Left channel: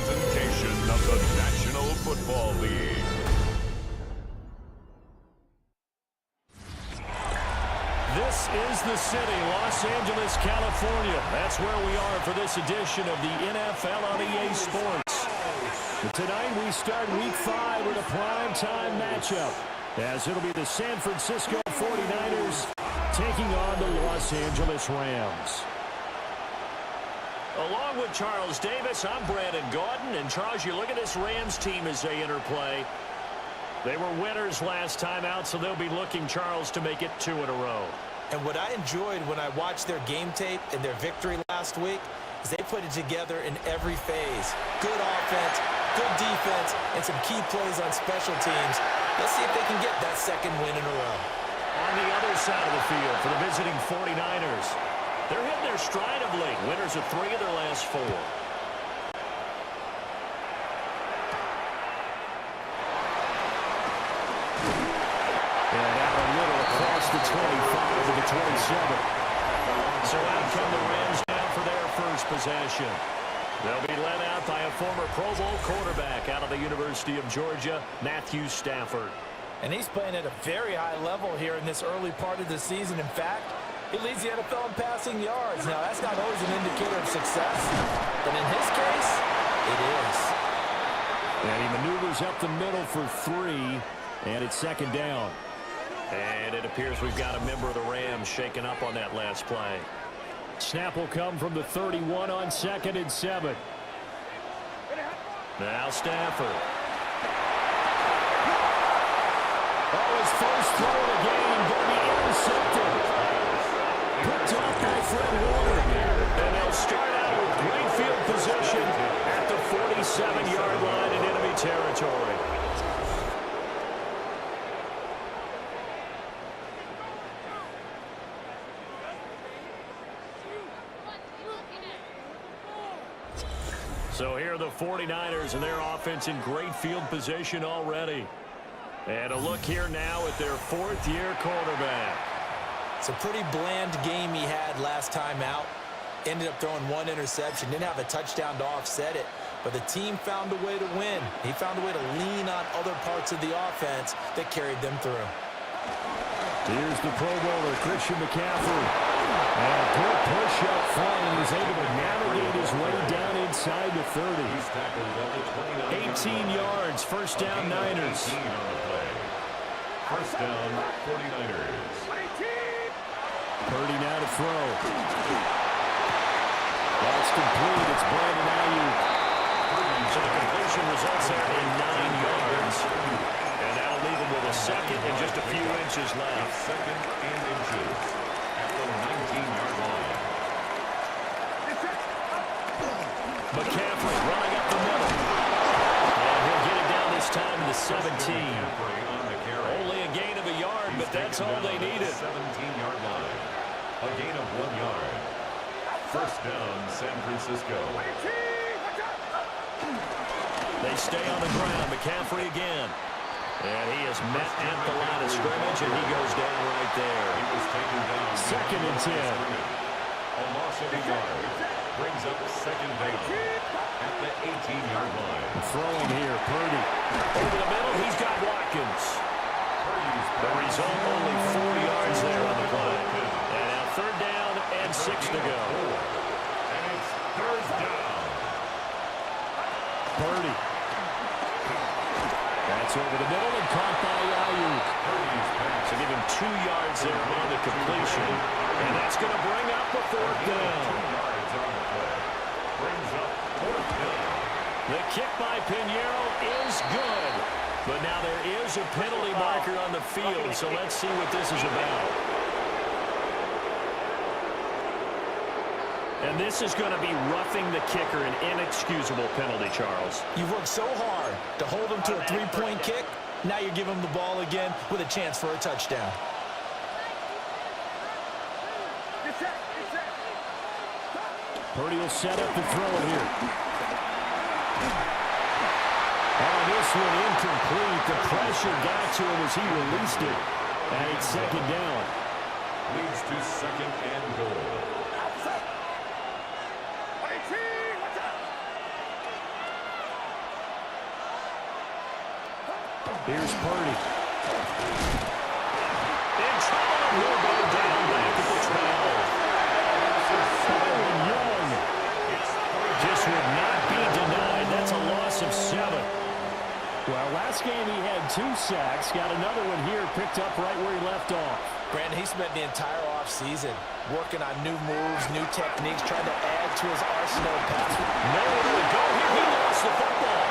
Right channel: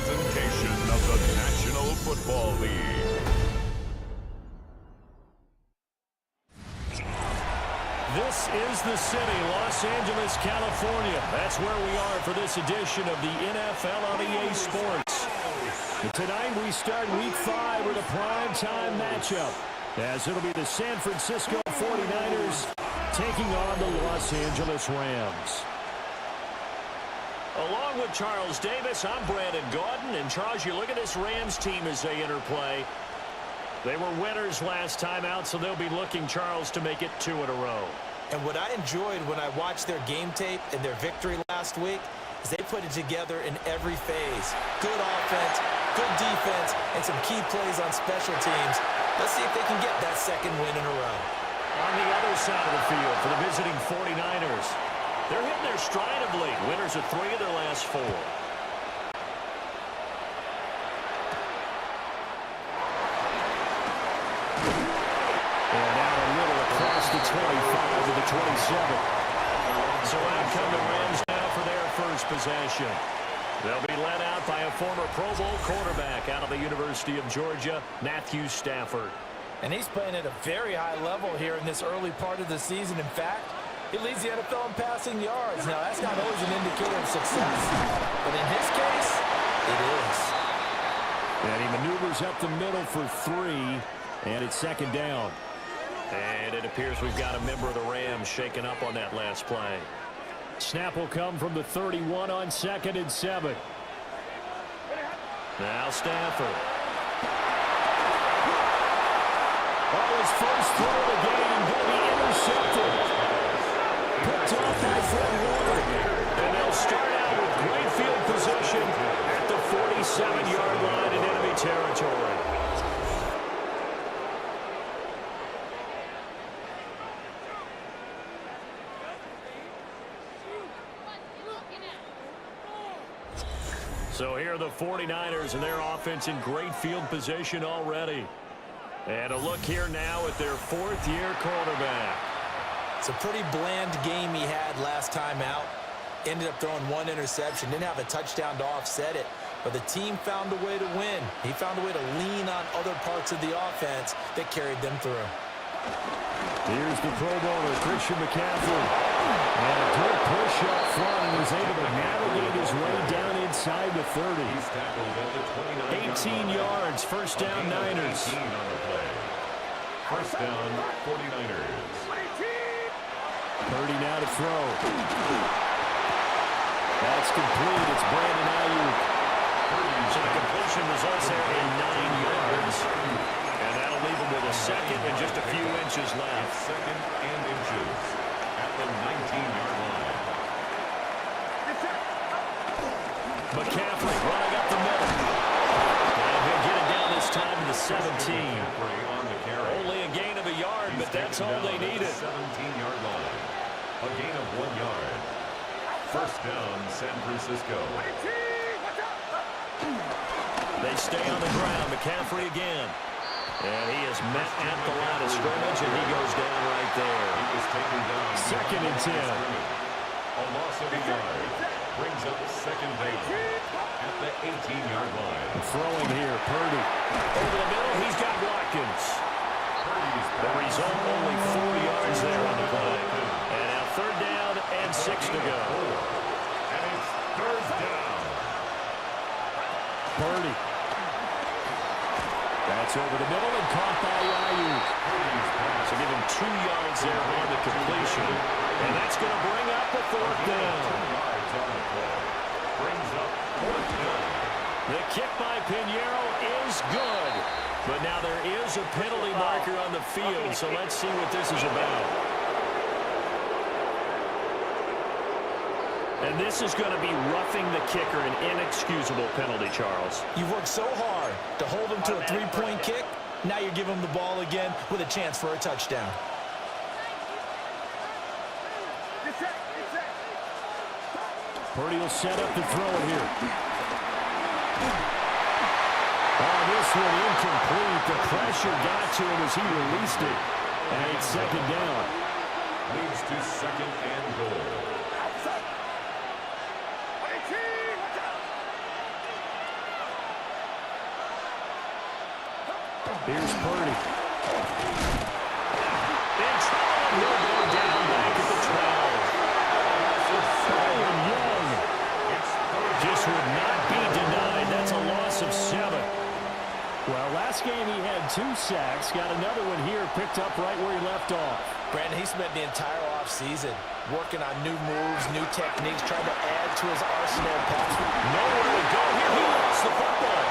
presentation of the National Football League. This is the city, Los Angeles, California. That's where we are for this edition of the NFL on EA Sports. Tonight we start Week 5 with a primetime matchup, as it'll be the San Francisco 49ers taking on the Los Angeles Rams. Along with Charles Davis, I'm Brandon Gaudin. And Charles, you look at this Rams team as they interplay. They were winners last time out, so they'll be looking, Charles, to make it 2 in a row. And what I enjoyed when I watched their game tape and their victory last week is they put it together in every phase. Good offense, good defense, and some key plays on special teams. Let's see if they can get that second win in a row. On the other side of the field for the visiting 49ers, they're hitting their stride of late. Winners of 3 of their last 4. And out a little across the 25 to the 27. So out come the Rams now for their first possession. They'll be led out by a former Pro Bowl quarterback out of the University of Georgia, Matthew Stafford. And he's playing at a very high level here in this early part of the season. In fact, he leads the NFL in passing yards. Now, that's not always an indicator of success, but in his case, it is. And he maneuvers up the middle for 3, and it's second down. And it appears we've got a member of the Rams shaken up on that last play. Snap will come from the 31 on 2nd and 7. Now Stafford. Oh, his first throw of the game going to be intercepted. Picked off by Fred Warner. And they'll start out with great field position at the 47-yard line in enemy territory. So here are the 49ers and their offense in great field position already. And a look here now at their 4th-year quarterback. It's a pretty bland game he had last time out. Ended up throwing 1 interception. Didn't have a touchdown to offset it. But the team found a way to win. He found a way to lean on other parts of the offense that carried them through. Here's the Pro Bowler, Christian McCaffrey. And a good push up front, and was able to navigate his way down inside the 30. 18 yards, first down Niners. First down, 49ers. Purdy now to throw. That's complete. It's Brandon Ayuk. So the completion results there in 9 yards. And that'll leave him with a second and just a few inches left. Second and inches at the 19-yard line. McCaffrey running up the middle. And he'll get it down this time to the 17. Only a gain of a yard, but that's all they needed. 17-yard line. A gain of 1 yard. First down, San Francisco. They stay on the ground. McCaffrey again. And he is met at the line of scrimmage, and he goes down right there. He was taken down. Second and 10. A loss of a yard brings up second down at the 18-yard line. Throwing here, Purdy. Over the middle, he's got Watkins. The result, only 4 yards there on the play. And now 3rd down and 6 to go. And it's 3rd down. Purdy. That's over the middle and caught by Ayuk. So give him 2 yards there on the completion. And that's going to bring up a 4th down. 2 yards on the play. Brings up 4th down. The kick by Pinheiro is good. But now there is a penalty marker on the field, so let's see what this is about. And this is going to be roughing the kicker, an inexcusable penalty, Charles. You've worked so hard to hold him to a 3-point kick. Now you're giving him the ball again with a chance for a touchdown. Purdy will set up the throw here. Oh, this one incomplete. The pressure got to him as he released it. And it's second down. Leads to second and goal. Here's Purdy. In trouble, and he'll go down back at the 12. Byron Young just would not be denied. That's a loss of 7. Well, last game he had 2 sacks. Got another one here, picked up right where he left off. Brandon, he spent the entire offseason working on new moves, new techniques, trying to add to his arsenal of pass. Nowhere to go here. He lost the football.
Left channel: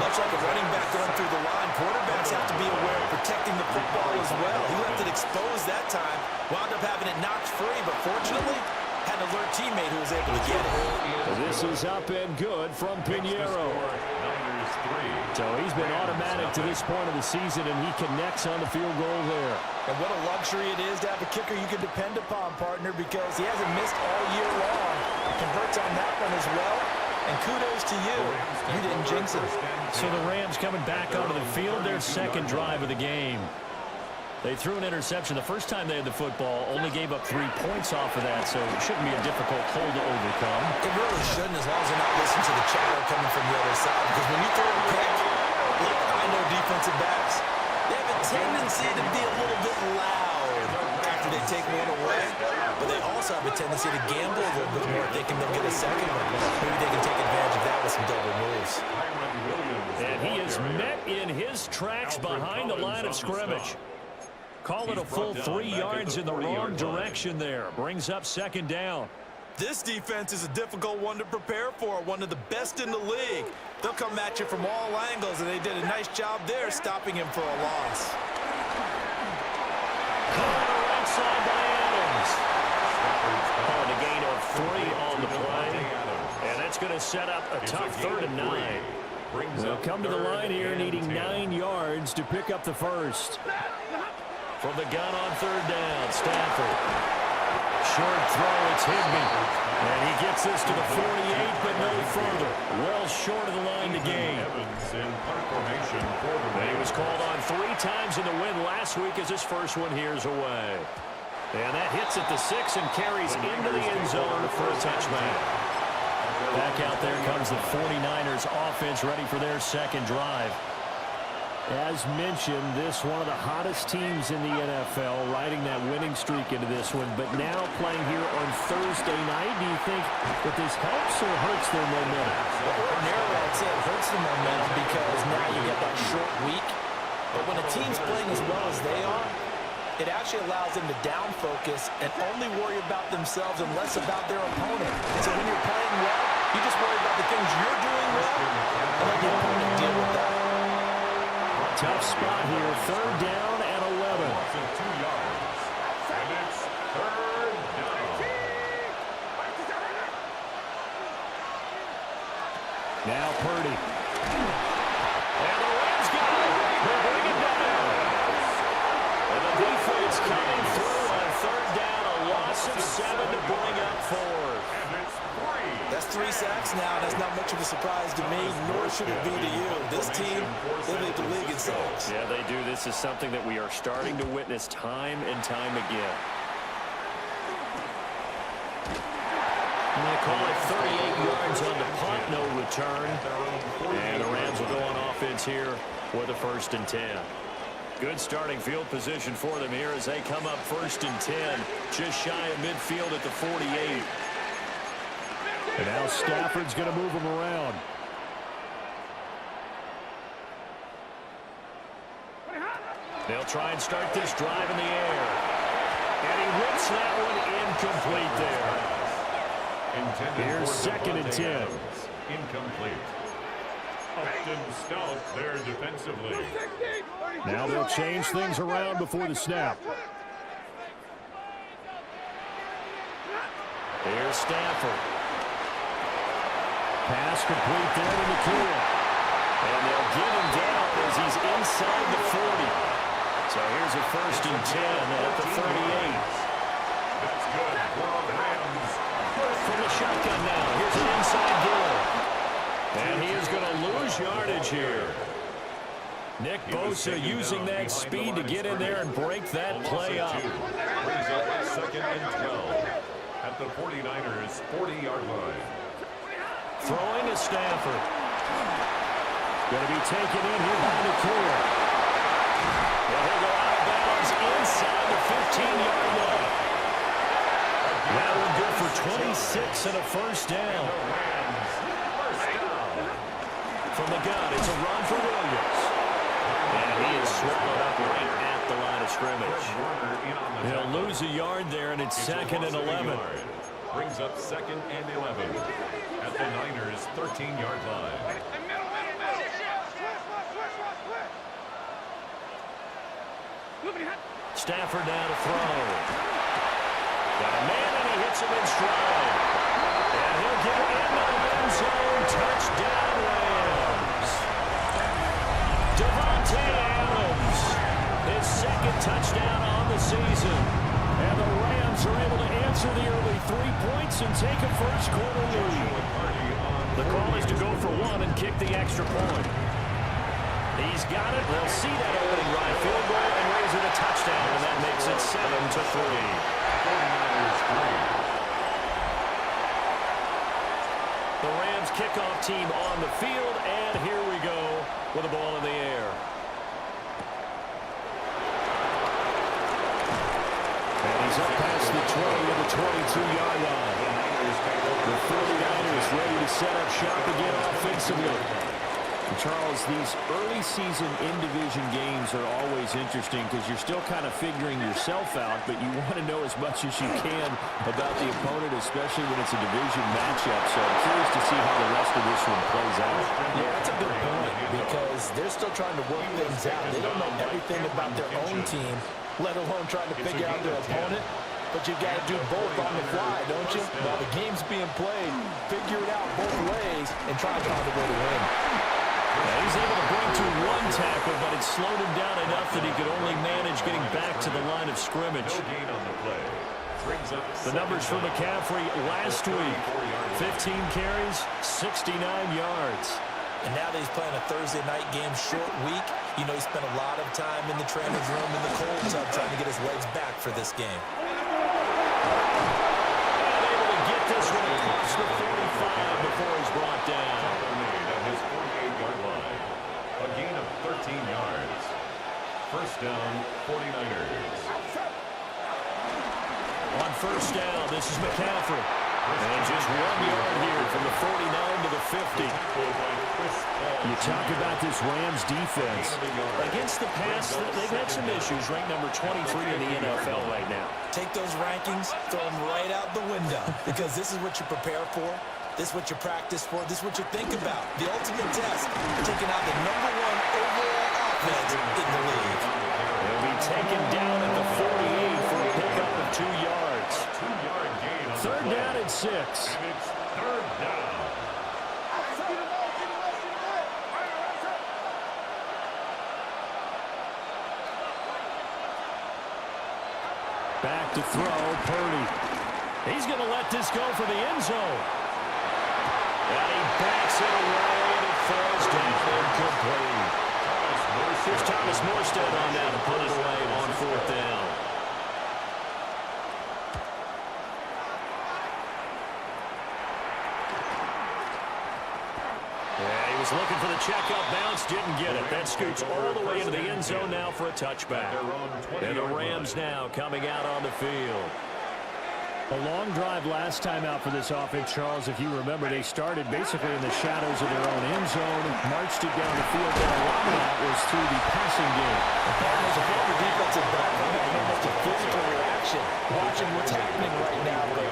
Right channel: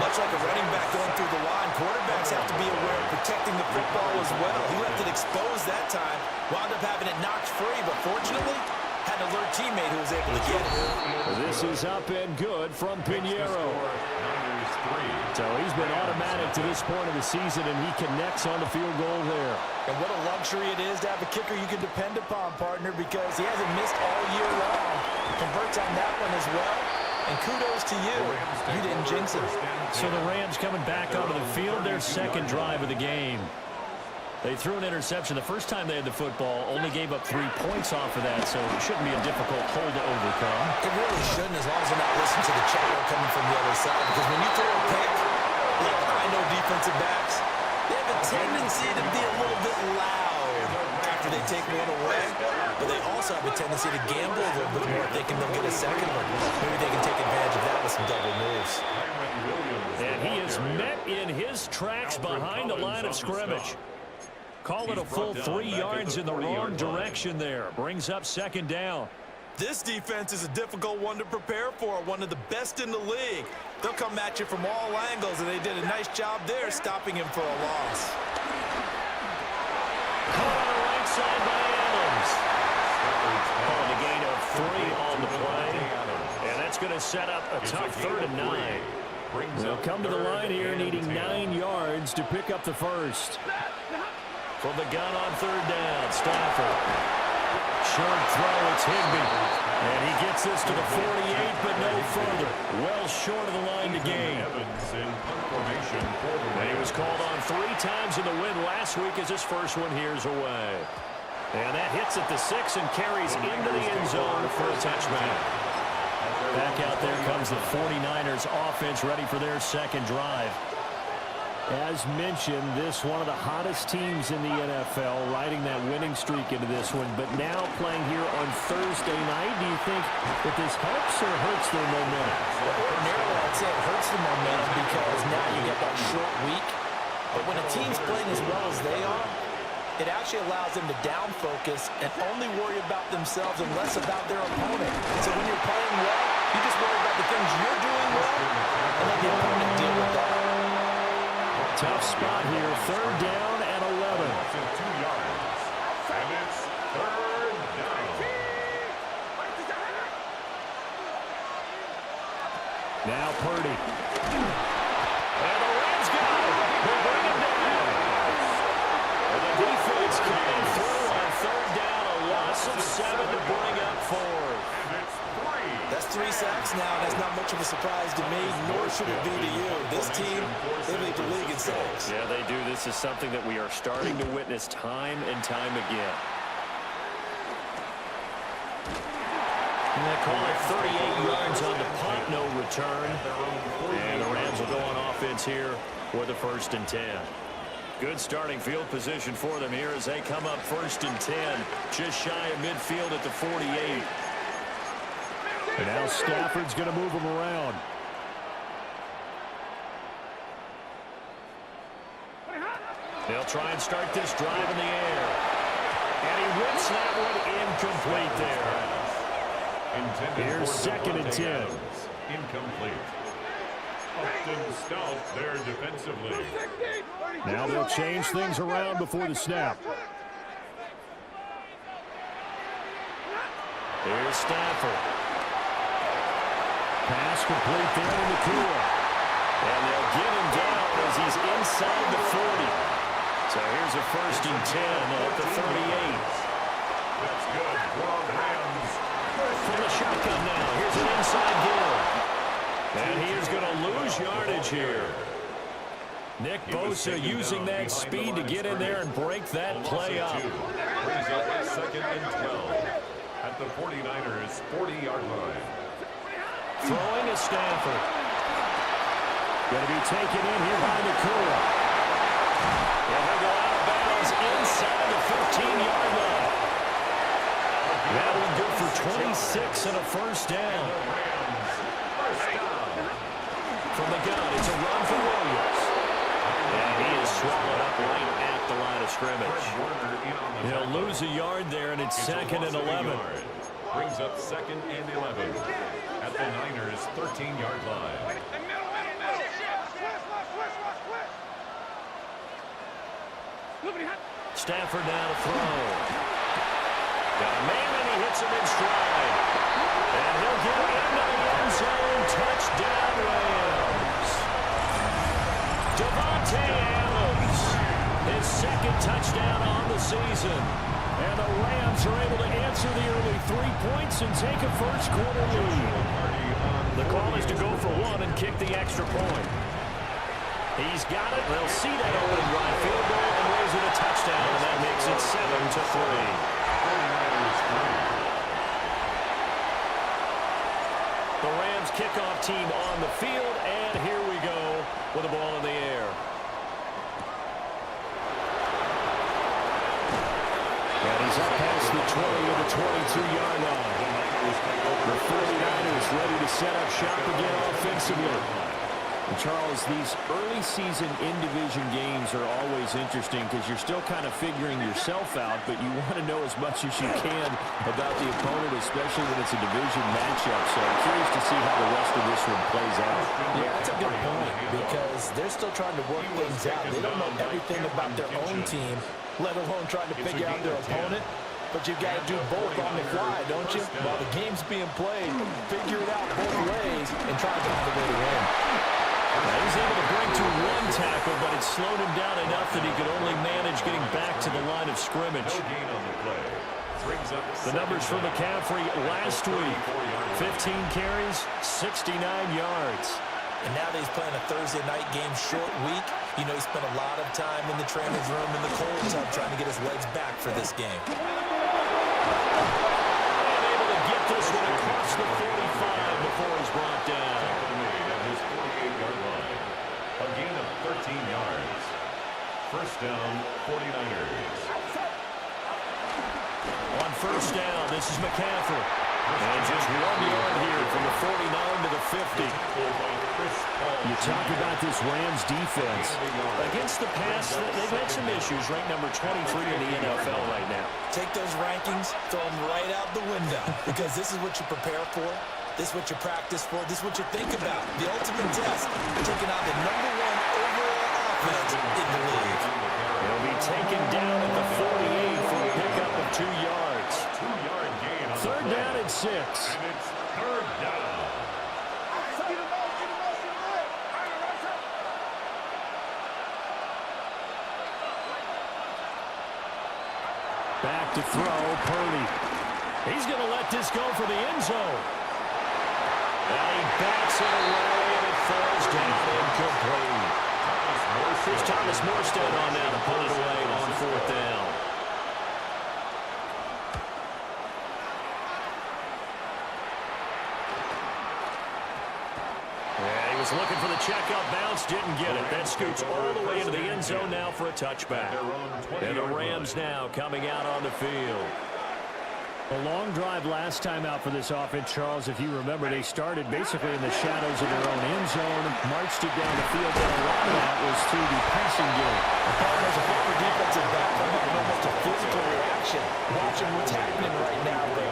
Much like a running back going through the line, quarterbacks have to be aware of protecting the football as well. He left it exposed that time, wound up having it knocked free, but fortunately had an alert teammate who was able to get it. This is up and good from Pinheiro. So he's been automatic to this point of the season, and he connects on the field goal there. And what a luxury it is to have a kicker you can depend upon, partner, because he hasn't missed all year long. Converts on that one as well. And kudos to you. You didn't jinx it. So the Rams coming back onto the field, their second drive of the game. They threw an interception the first time they had the football, only gave up 3 points off of that, so it shouldn't be a difficult hole to overcome. It really shouldn't, as long as they're not listening to the chatter coming from the other side, because when you throw a pick, look, I know defensive backs, they have a tendency to be a little bit loud after they take one away, but they also have a tendency to gamble a little bit more, thinking they'll get a second one. Maybe they can take advantage of that with some double moves. And he is met in his tracks behind the line of scrimmage. Call it a full 3 yards in the wrong direction there. Brings up second down. This defense is a difficult one to prepare for, one of the best in the league. They'll come at you from all angles, and they did a nice job there stopping him for a loss. Caught on the right side by Adams. On the gain of 3 on the play. And that's going to set up a tough 3rd and 9. They'll come to the line here needing 9 yards to pick up the first. From the gun on 3rd down, Stafford. Short throw, it's Higbee. And he gets this to the 48, but no further. Well short of the line to gain. And he was called on 3 times in the win last week as his first one here's away. And that hits at the 6 and carries into the end zone for a touchback. Back out there comes the 49ers offense ready for their second drive. As mentioned, this one of the hottest teams in the NFL, riding that winning streak into this one, but now playing here on Thursday night. Do you think that this helps or hurts their momentum? Well, ordinarily, I'd say it hurts the momentum because now you get that short week. But when a team's playing as well as they are, it actually allows them to down focus and only worry about themselves and less about their opponent. So when you're playing well, you just worry about the things you're doing well and let the opponent deal with that. Tough spot here, 3rd down and 11. 2 yards, and it's 3rd down. Now Purdy. And the Rams got it. They bring it down. And the defense coming through on 3rd down, a loss of 7 to bring up 4th. And it's 3. That's 3 sacks now, and that's not much of a surprise to me, nor should it be to you. This team, they lead the league in sacks. Yeah, they do. This is something that we are starting to witness time and time again. And they call it 38 yards on the punt, no return. And the Rams will go on offense here with a 1st and 10. Good starting field position for them here as they come up 1st and 10, just shy of midfield at the 48. And now Stafford's going to move him around. They'll try and start this drive in the air. And he whips that one incomplete there. Here's 2nd and 10. Incomplete. Upton stout there defensively. Now they'll change things around before the snap. Here's Stafford. Pass complete there to Nakua. And they'll get him down as he's inside the 40. So here's a 1st and 10 at the 38. That's good for Rams. From the shotgun now. Here's an inside give. And he is going to lose yardage here. Nick Bosa using that speed to get in there and break that play up. Brings up 2nd and 12 at the 49ers' 40-yard line. Throwing is Stafford. Going to be taken in here by Nakua. And he'll go out of bounds inside the 15-yard line. That one good for 26 and a first down. From the gun, it's a run for Williams. And he is swallowed up right at the line of scrimmage. He'll lose a yard there, and it's second and 11. Brings up second and 11 at the Niners' 13-yard line. Stafford now to throw. Got a man, and he hits him in stride. And he'll get into the end zone. Touchdown, Rams. Devontae Adams, his second touchdown on the season. And the Rams are able to answer the early 3 points and take a first-quarter lead. The call is to go for one and kick the extra point. He's got it. They'll see that opening drive field goal and raise it a touchdown, and that makes it 7-3. 49ers 3. The Rams kickoff team on the field, and here we go with the ball in the air. And he's up past the 20 to the 22-yard line. The 49ers ready to set up shop again offensively. And Charles, these early season in-division games are always interesting because you're still kind of figuring yourself out, but you want to know as much as you can about the opponent, especially when it's a division matchup. So I'm curious to see how the rest of this one plays out. Yeah, that's a good point because they're still trying to work things out. They don't know everything about their own team, let alone trying to figure out their opponent. But you've got to do both on the fly, don't you? While the game's being played, figure it out both ways and try to find a way to win. Now he's able to bring to one tackle, but it slowed him down enough that he could only manage getting back to the line of scrimmage. No gain on the play. Brings up The numbers for McCaffrey last week: 15 carries, 69 yards. And now that he's playing a Thursday night game, short week, you know he spent a lot of time in the trainer's room in the cold tub trying to get his legs back for this game. And able to get this one across the 45 before he's brought down. At his 48-yard line. A gain of 13 yards. First down, 49ers. On first down, this is McCaffrey. And just 1 yard here from the 49 to the 50. You talk about this Rams defense. Against the pass, they've had some issues. Ranked number 23 in the NFL right now. Take those rankings, throw them right out the window because this is what you prepare for. This is what you practice for. This is what you think about. The ultimate test, taking out the #1 overall offense in the league. He'll be taken down at the 48 for a pickup of 2 yards. 2-yard gain on Third down and 6. And it's third down. Back to throw, Purdy. He's going to let this go for the end zone. And he backs it away, and it falls down incomplete. Here's Thomas Morstead on now to put it away on fourth down. Yeah, he was looking for the checkup bounce, didn't get it. That scoots all the way into the end zone now for a touchback. And the Rams now coming out on the field. A long drive last time out for this offense, Charles. If you remember, they started basically in the shadows of their own end zone, marched it down the field, and a lot of that was through the passing game. As a former defensive back, I'm having almost a physical reaction watching what's happening right now. But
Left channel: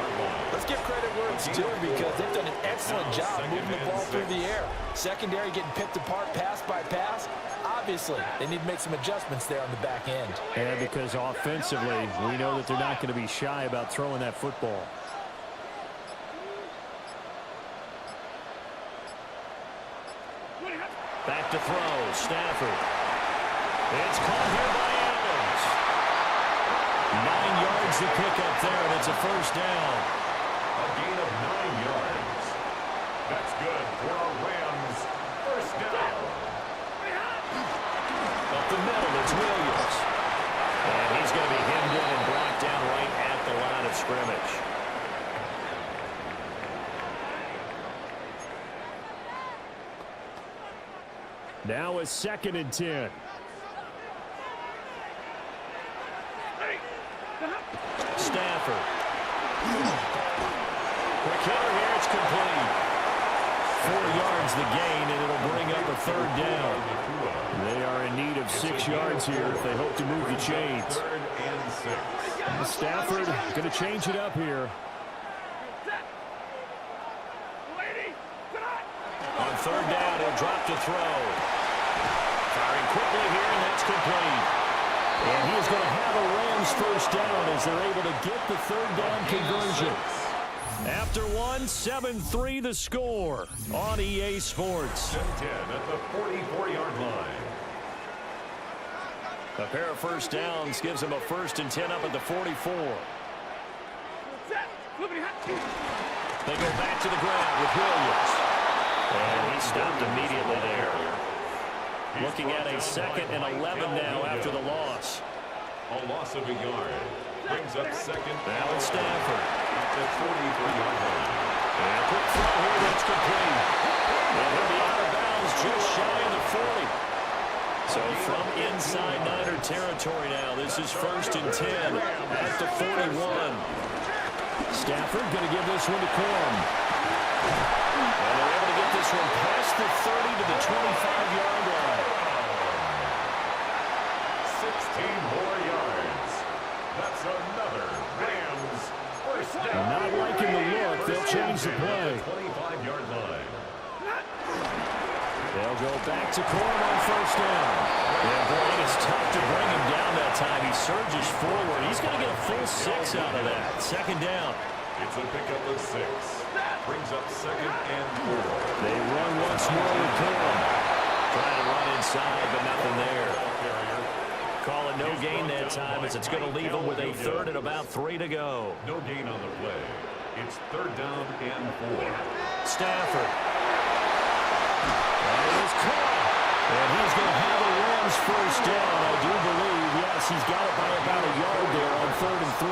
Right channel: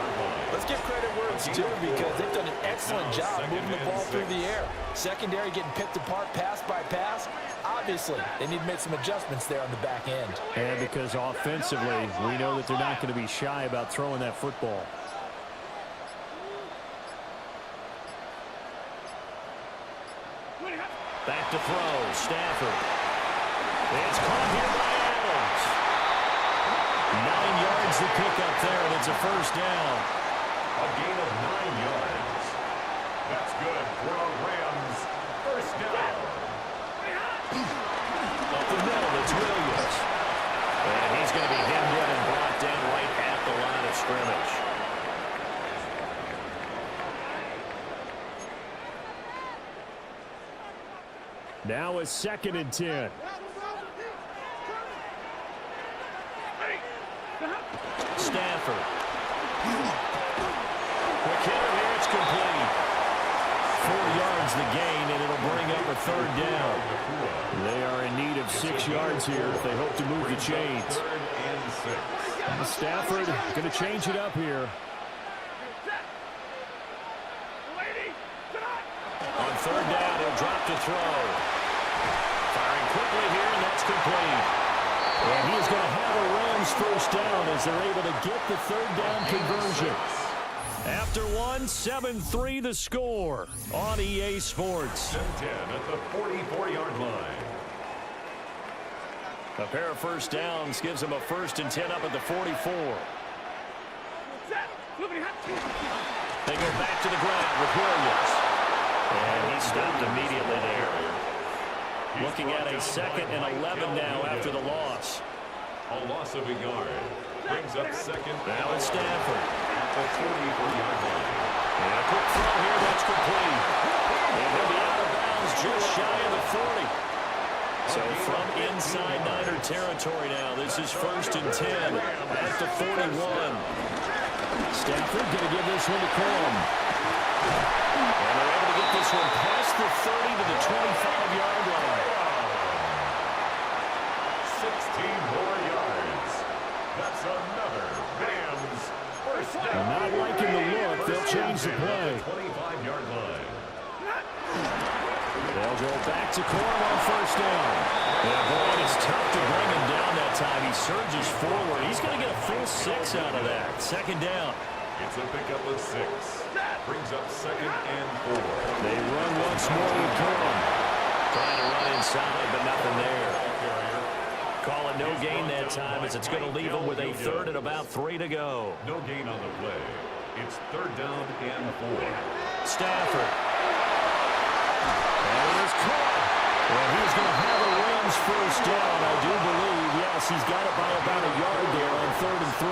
let's give credit where it's due because they've done an excellent job moving the ball through the air. Secondary getting picked apart pass by pass. Obviously, they need to make some adjustments there on the back end. And because offensively, we know that they're not going to be shy about throwing that football. Back to throw, Stafford. It's caught here by Adams. 9 yards to pick up there, and it's a first down. A gain of 9 yards. That's good for a Rams first down. Up the middle, it's Williams. And he's going to be hemmed in and brought down right at the line of scrimmage. Now a 2nd and 10. Stafford. Quick hitter here. It's complete. 4 yards the gain, and it'll bring up a 3rd down. They are in need of 6 yards here if they hope to move the chains. 3rd and 6. Stafford going to change it up here. On 3rd down, he'll drop to throw. Firing quickly here, and that's complete. And he is going to have a Rams 1st down as they're able to get the 3rd down conversion. After 1, 7-3 the score on EA Sports. 10 at the 44-yard line. A pair of 1st downs gives him a 1st and 10 up at the 44. They go back to the ground with Williams. And he stopped immediately there. Looking at a 2nd and 11 now after the loss. A loss of a yard. Brings up 2nd. Now it's Stafford. At the 44-yard line. And a quick throw here, that's complete. And he'll be out of bounds just shy of the 40. So from inside Niner territory now, this is 1st and 10 at the 41. Stafford going to give this one to Corum. And they're able to get this one past the 30 to the 25-yard line. 16 more yards. That's another Rams 1st down. Not liking the look. They'll change the play. 25-yard line. They'll go back to Corum on 1st down. Yeah, boy, it is tough to bring him down that time. He surges forward. He's going to get a full 6 out of that. 2nd down. It's a pickup of 6. Brings up 2nd and 4. They run once more with Corum. Trying to run inside, but nothing there. Call it no gain that time as it's going to leave him with a 3rd and about 3 to go. No gain on the play. It's 3rd down and 4. Stafford. And it is caught. And he's going to have a Rams 1st down, I do believe. Yes, he's got it by about a yard there on 3rd and 3.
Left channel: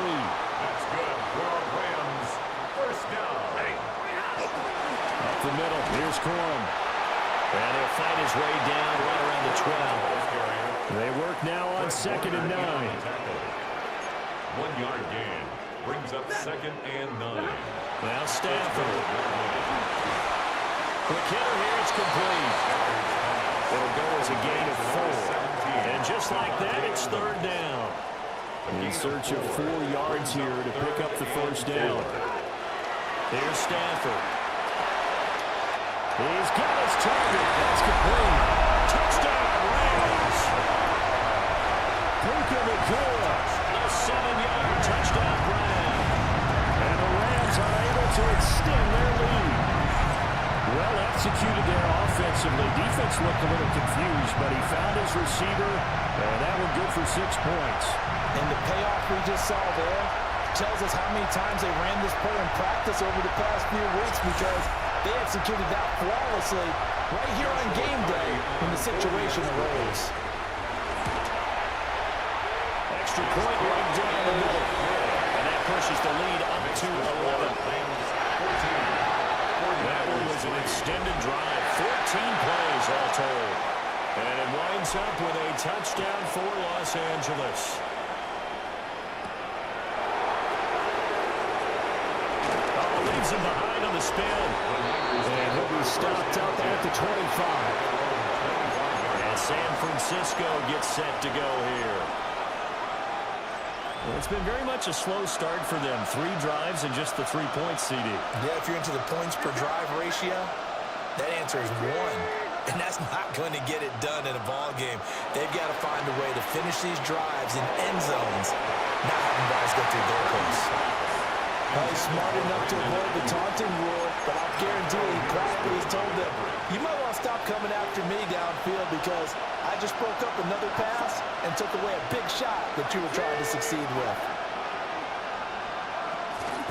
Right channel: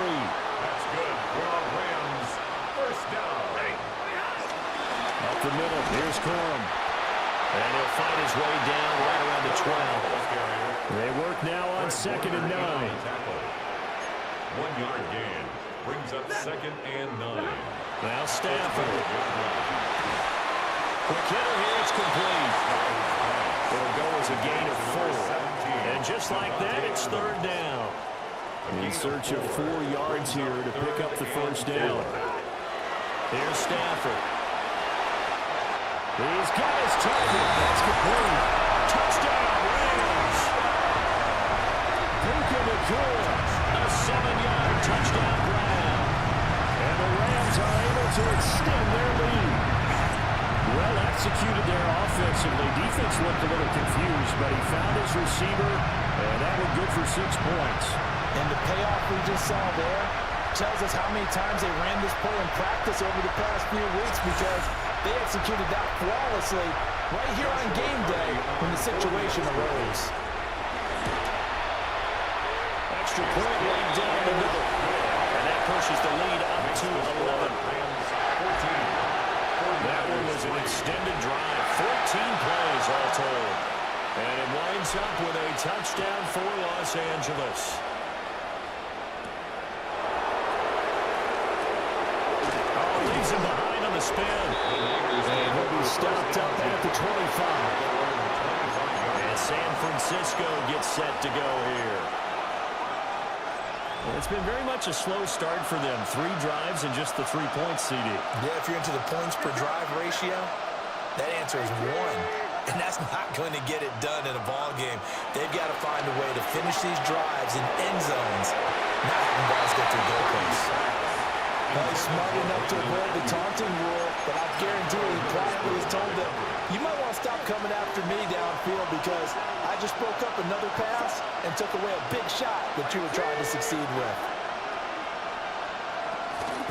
That's good for a Rams 1st down. Up the middle, here's Corum. And he'll fight his way down right around the 12. They work now on 2nd and 9. 1 yard gain. Brings up 2nd and 9. Now Stafford. Quick hitter here, it's complete. It'll go as a gain of 4. And just like that, it's 3rd down. In search of 4 yards here to pick up the 1st down. Here's Stafford. He's got his target. That's complete. Touchdown, Rams. Puka Nacua, a 7-yard touchdown grab. And the Rams are able to extend their lead. Well executed there offensively. Defense looked a little confused, but he found his receiver, and that one good for 6 points. And the payoff we just saw there tells us how many times they ran this play in practice over the past few weeks, because they executed that flawlessly right here on game day when the situation arose. Extra point right down the middle. And that pushes the lead up to 11. That one was an extended drive. 14 plays all told. And it winds up with a touchdown for Los Angeles. Oh, leaves him behind on the spin. And he'll be stopped up at the 25. And San Francisco gets set to go here. Well, it's been very much a slow start for them. 3 drives and just the 3 points, CD. Yeah, if you're into the points per drive ratio, that answer is 1. And that's not going to get it done in a ball game. They've got to find a way to finish these drives in end zones, not having balls go through goalposts. He's smart enough to avoid the taunting rule, but I'll guarantee he quietly has told them, you might want to stop coming after me downfield because I just broke up another pass and took away a big shot that you were trying to succeed with.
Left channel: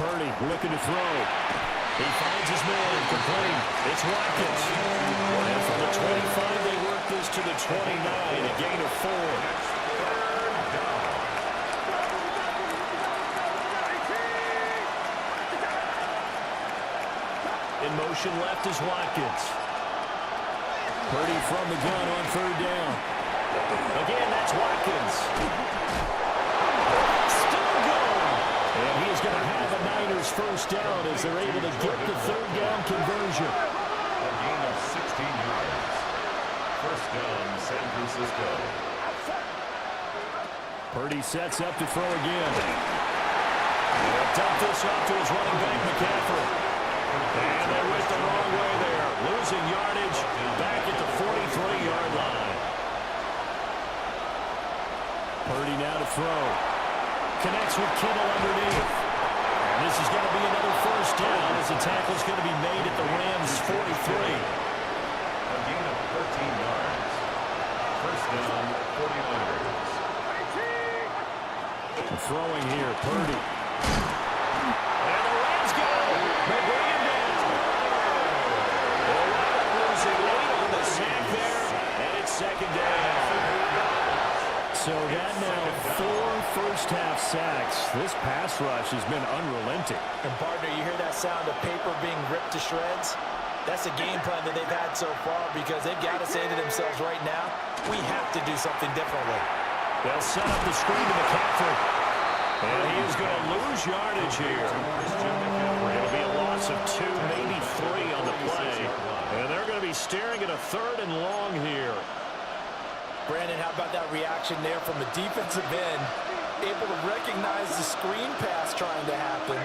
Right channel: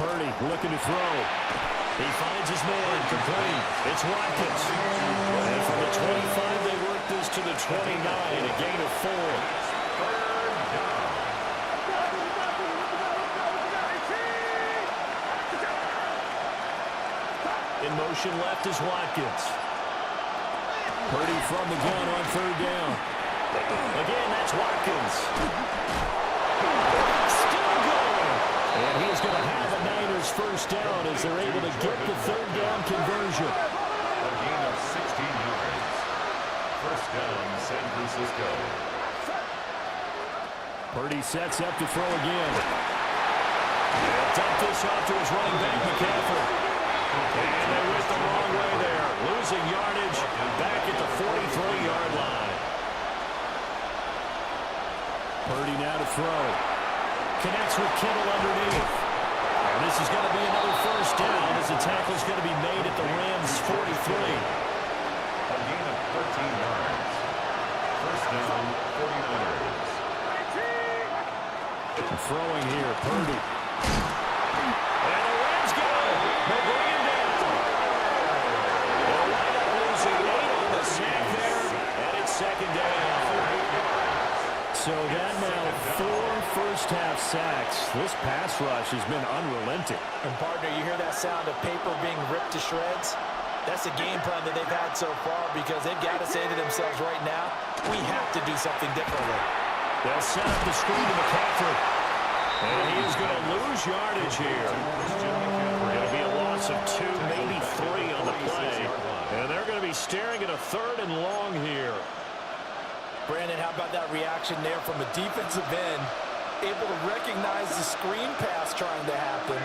Purdy looking to throw. He finds his man, complete. It's Watkins. And from the 25, they work this to the 29, a gain of 4. In motion left is Watkins. Purdy from the gun on third down. Again, that's Watkins. Still going. And he's going to have a Niners first down as they're able to get the third down conversion. A gain of 16 yards. First down, San Francisco. Purdy sets up to throw again. He'll dump this off to his running back, McCaffrey. And they went the wrong way there. Losing yardage back at the 43-yard line. Purdy now to throw. Connects with Kittle underneath. And this is going to be another first down as the tackle's going to be made at the Rams' 43. A gain of 13 yards. First down, 49ers. Throwing here, Purdy. And the Rams got him. They bring him down. They'll wind up losing 8 on the sack there, and it's second down. So that now 4 first-half sacks. This pass rush has been unrelenting. And, partner, you hear that sound of paper being ripped to shreds? That's a game plan that they've had so far because they've got to say to themselves right now, we have to do something differently. They'll set up the screen to McCaffrey. And he is going to lose yardage here. It'll be a loss of 2, maybe 3 on the play. And they're going to be staring at a third and long here. Brandon, how about that reaction there from a defensive end? Able to recognize the screen pass trying to happen.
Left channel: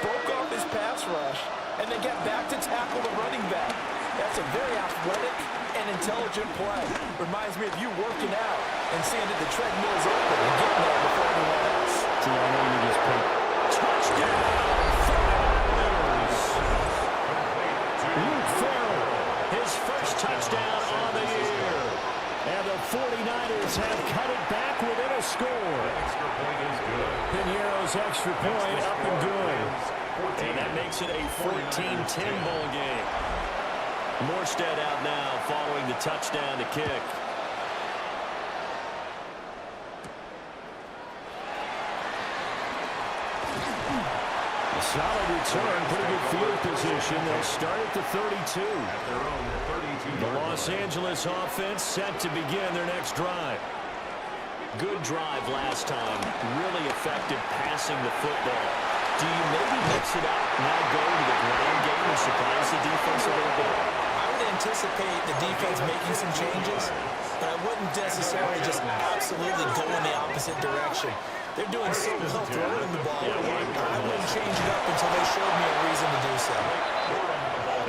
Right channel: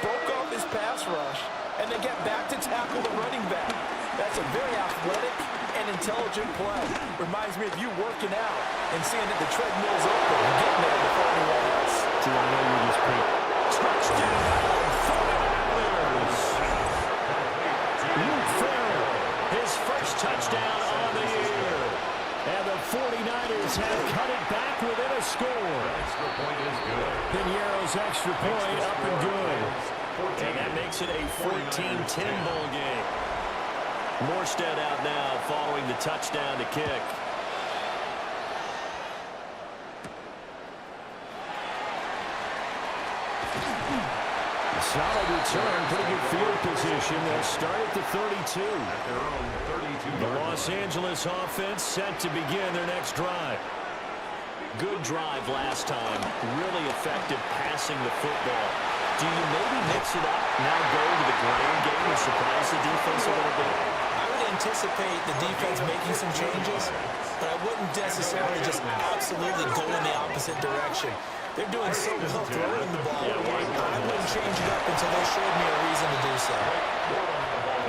Broke off his pass rush. And then get back to tackle the running back. That's a very athletic and intelligent play. Reminds me of you working out and seeing that the treadmill's open and getting there before anyone else. See, I know you just paid. Touchdown, 49ers! Luke Farrell, his first touchdown on the year. And the 49ers have cut it back within a score. The extra point is good. Piniero's extra point up and good. And that makes it a 14-10 ball game. Morstead out now following the touchdown to kick. A solid return, pretty good field position. They'll start at the 32. At their own 32-yard The Los Angeles offense set to begin their next drive. Good drive last time. Really effective passing the football. Do you maybe mix it up, now go to the ground game and surprise the defense a little bit? I would anticipate the defense making some changes, but I wouldn't necessarily just absolutely go in the opposite direction. They're doing so well throwing the ball. I wouldn't change it up until they showed me a reason to do so.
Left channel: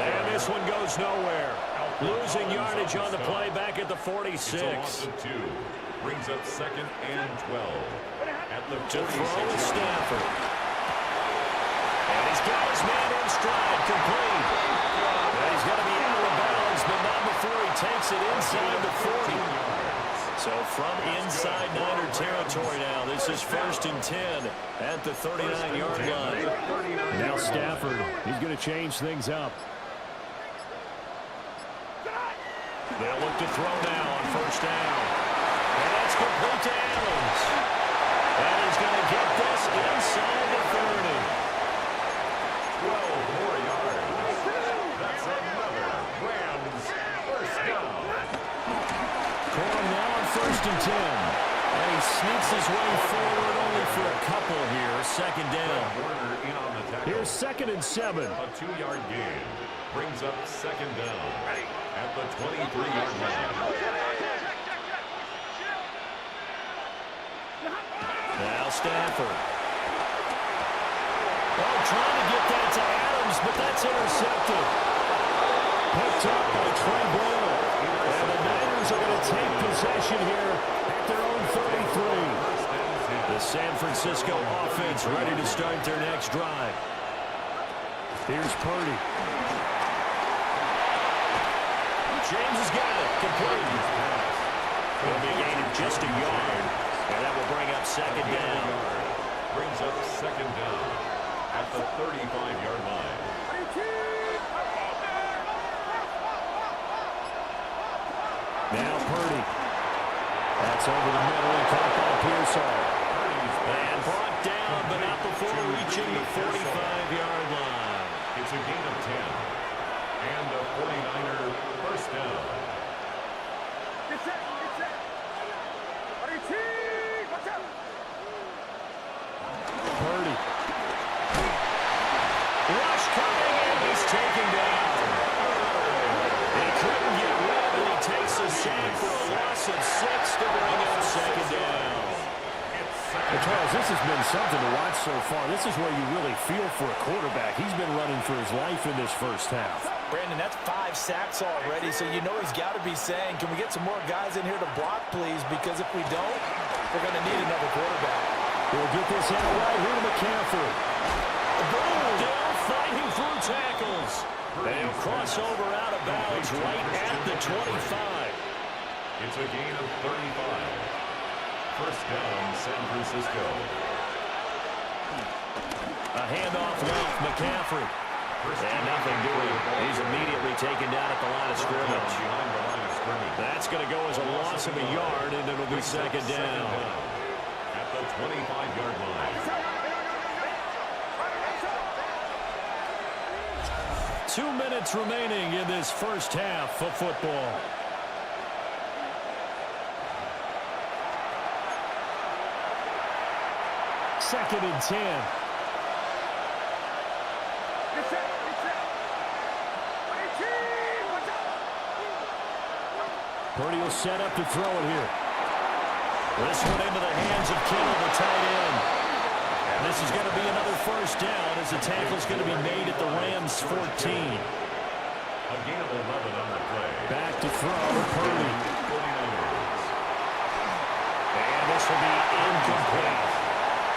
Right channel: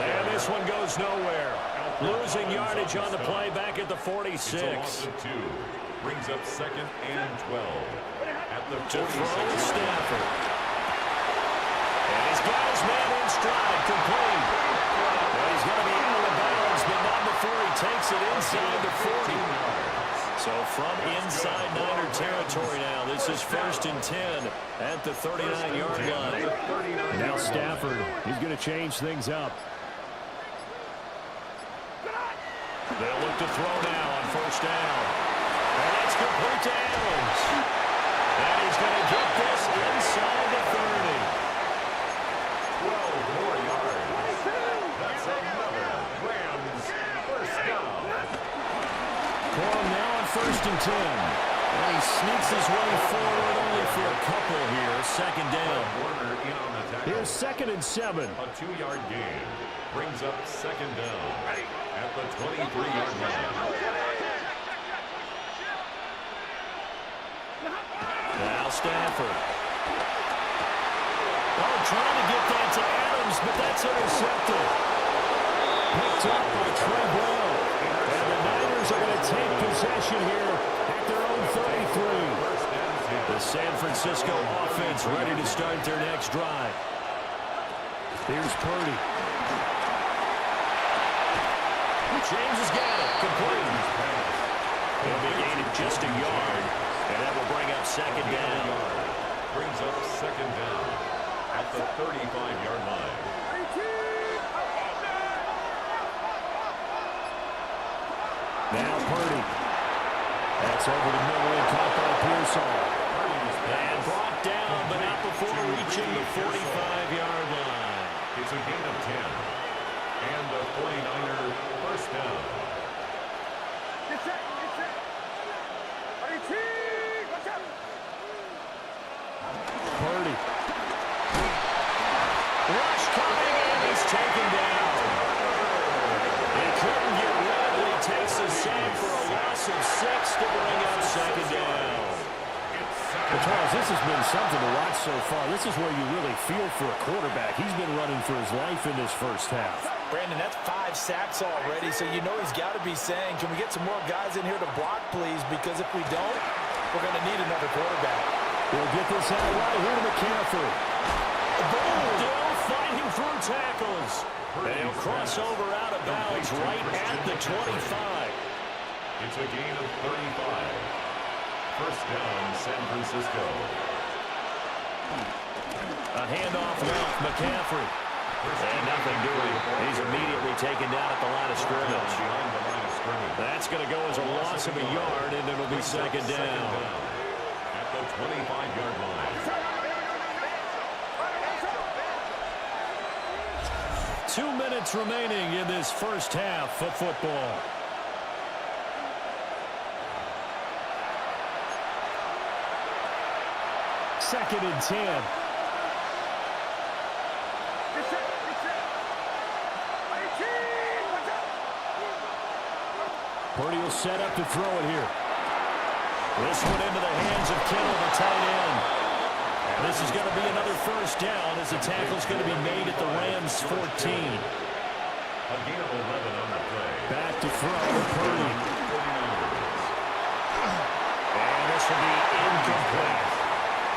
And this one goes nowhere. Losing yardage on the play back at the 46. It's a loss of 2. Brings up second and 12. At the 46. To throw Stafford. And he's got his man in stride, complete. And he's going to be out of bounds, but not before he takes it inside the 40. So from inside Niner territory now, this is 1st and 10 at the 39-yard line. Now Stafford, he's going to change things up. They'll look to throw now on 1st down. And it's complete to Adams. And he's going to get this inside the 30. 12 more yards. That's another Rams first down. Corum now on 1st and 10. And he sneaks his way forward only for a couple here. 2nd down. Warner in on the tackle. Here's 2nd and 7. A 2-yard gain. Brings up 2nd down at the 23-yard line. Now Stafford. Oh, trying to get that to Adams, but that's intercepted. Picked up by Trey Brown. And the Niners are going to take possession here at their own 33. The San Francisco offense ready to start their next drive. Here's Purdy. James has got it. Complete. It'll be a gain of just a yard. And that will bring up 2nd down. Brings up 2nd down at the 35-yard line. Now Purdy. That's over the middle and caught by Pearsall. And brought down, but not before reaching the 45-yard line. It's a gain of 10. And a 49er first down. Purdy. Rush coming, and he's taken down. He couldn't get rid, and he takes a sack for a loss of 6 to bring up second down. Well, Charles, this has been something to watch so far. This is where you really feel for a quarterback. He's been running for his life in this first half. Brandon, that's 5 sacks already, so you know he's got to be saying, can we get some more guys in here to block, please? Because if we don't, we're going to need another quarterback. We'll get this out right here to McCaffrey. Still fighting through tackles. They'll cross over out of bounds right at the 25. It's a gain of 35. First down, San Francisco. A handoff left, McCaffrey. And nothing doing. He's immediately taken down at the line of scrimmage. That's going to go as a loss of a yard, and it'll be second down. At the 25-yard line. 2 minutes remaining in this first half of football. Second and 10. Purdy will set up to throw it here. This one into the hands of Kittle, the tight end. And this is going to be another first down as the tackle's going to be made at the Rams' 14. A gain of 11 on the play. Back to throw, Purdy. And this will be incomplete.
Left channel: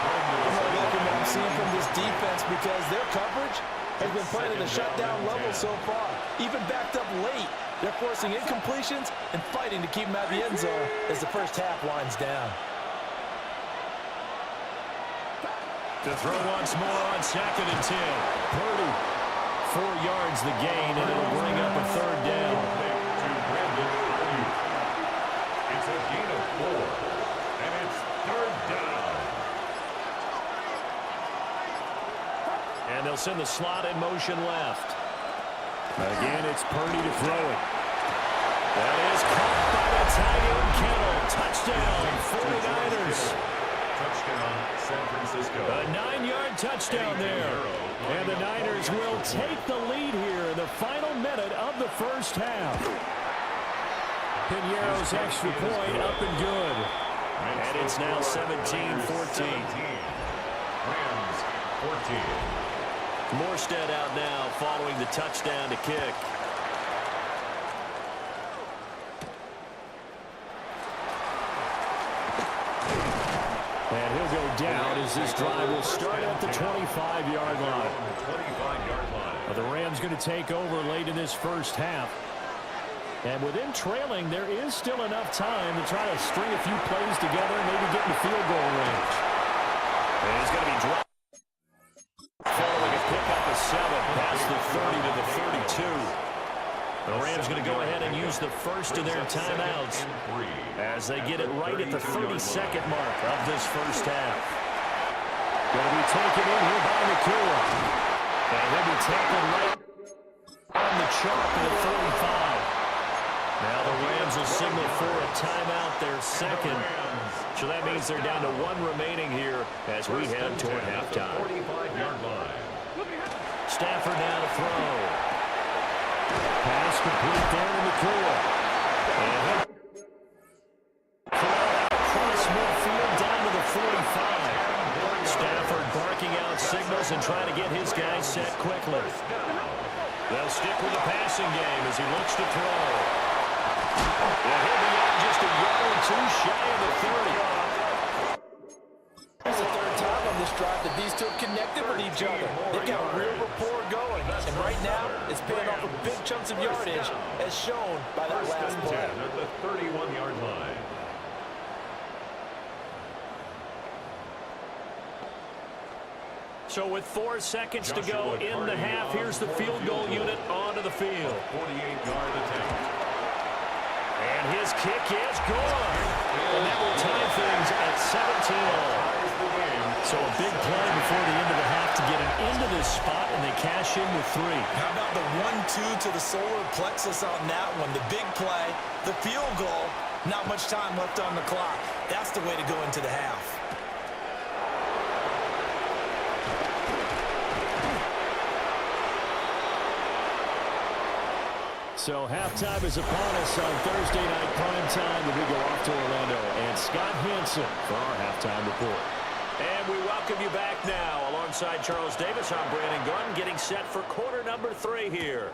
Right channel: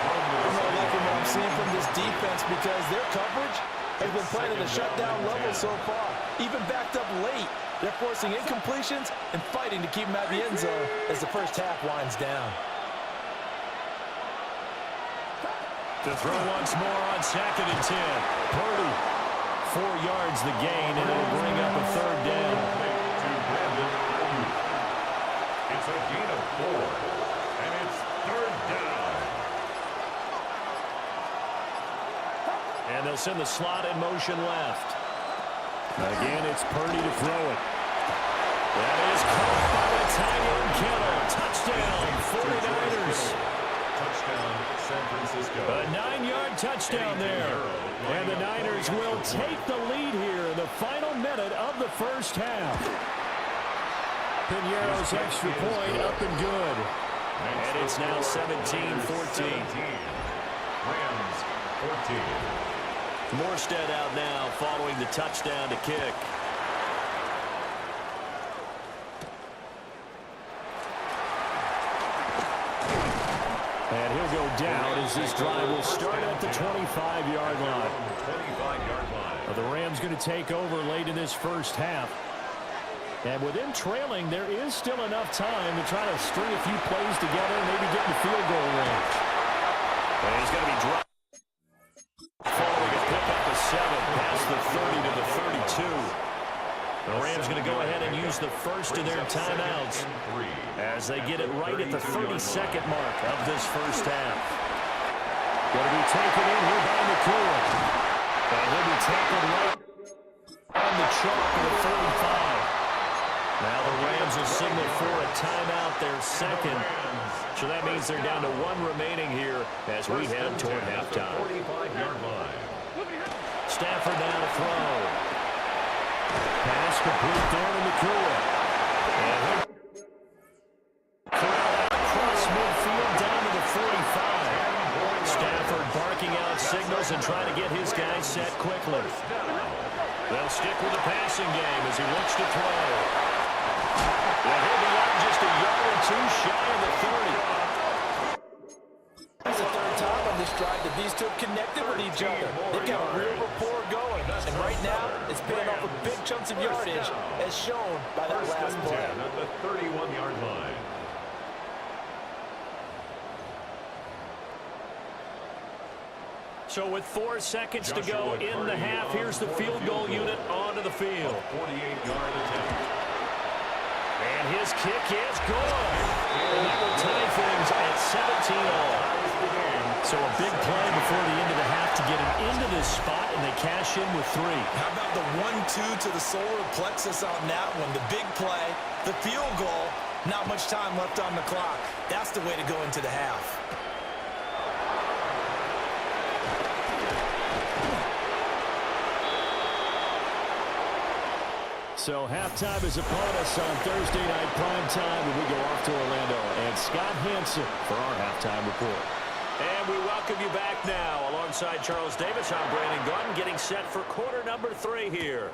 I'm not liking what I'm seeing from this defense because their coverage has been playing at a shutdown level so far. Even backed up late, they're forcing incompletions and fighting to keep them out of the end zone as the first half winds down. To throw once more on second and 10. Purdy, 4 yards the gain, and it'll bring up a third down. To Brandon Ayuk. It's a gain of 4, and it's third down. And they'll send the slot in motion left. Again, it's Purdy to throw it. That is caught by the tight end, Kittle. Touchdown, 49ers. Touchdown, San Francisco. A 9-yard touchdown there. And the Niners will take the lead here in the final minute of the first half. Piñeiro's extra point up and good. And it's now 17-14. Rams 14. Morstead out now following the touchdown to kick. And he'll go down as this drive will start at the 25-yard line. The Rams going to take over late in this first half. And within trailing, there is still enough time to try to string a few plays together and maybe get into field goal range. And he's going to be dropped. Following a pickup of 7 past the 30 to the 32. The Rams going to go ahead and use the first of their timeouts as they get it right at the 32nd mark of this first half. Going to be taken in here by Nakua. And he'll be tackled right on the chalk of the 45. Now the Rams will signal for a timeout, their second. So that means they're down to 1 remaining here as we head toward halftime. 45-yard line. Stafford now to throw. Pass complete there to Nakua. And he'll corral out across midfield down to the 45. Stafford barking out signals and trying to get his guys set quickly. They'll stick with the passing game as he looks to throw. And he'll be out just a yard or 2 shy of the 30. That's the third time on this drive that these two have connected with each other. They've got a real rapport going. And right now, it's paying off with big chunks of yardage, as shown by that last play. At the 31-yard line. So with 4 seconds to go in the half, here's the field goal unit onto the field. 48-yard attempt. And his kick is good. And that will tie things stands at 17 all. So a big play before the end of the half to get him into this spot, and they cash in with 3. How about the 1-2 to the solar plexus on that one? The big play, the field goal, not much time left on the clock. That's the way to go into the half. So halftime is upon us on Thursday night primetime, and we go off to Orlando. And Scott Hansen for our halftime report. And we welcome you back now. Alongside Charles Davis, I'm Brandon Gunn, getting set for quarter number 3 here.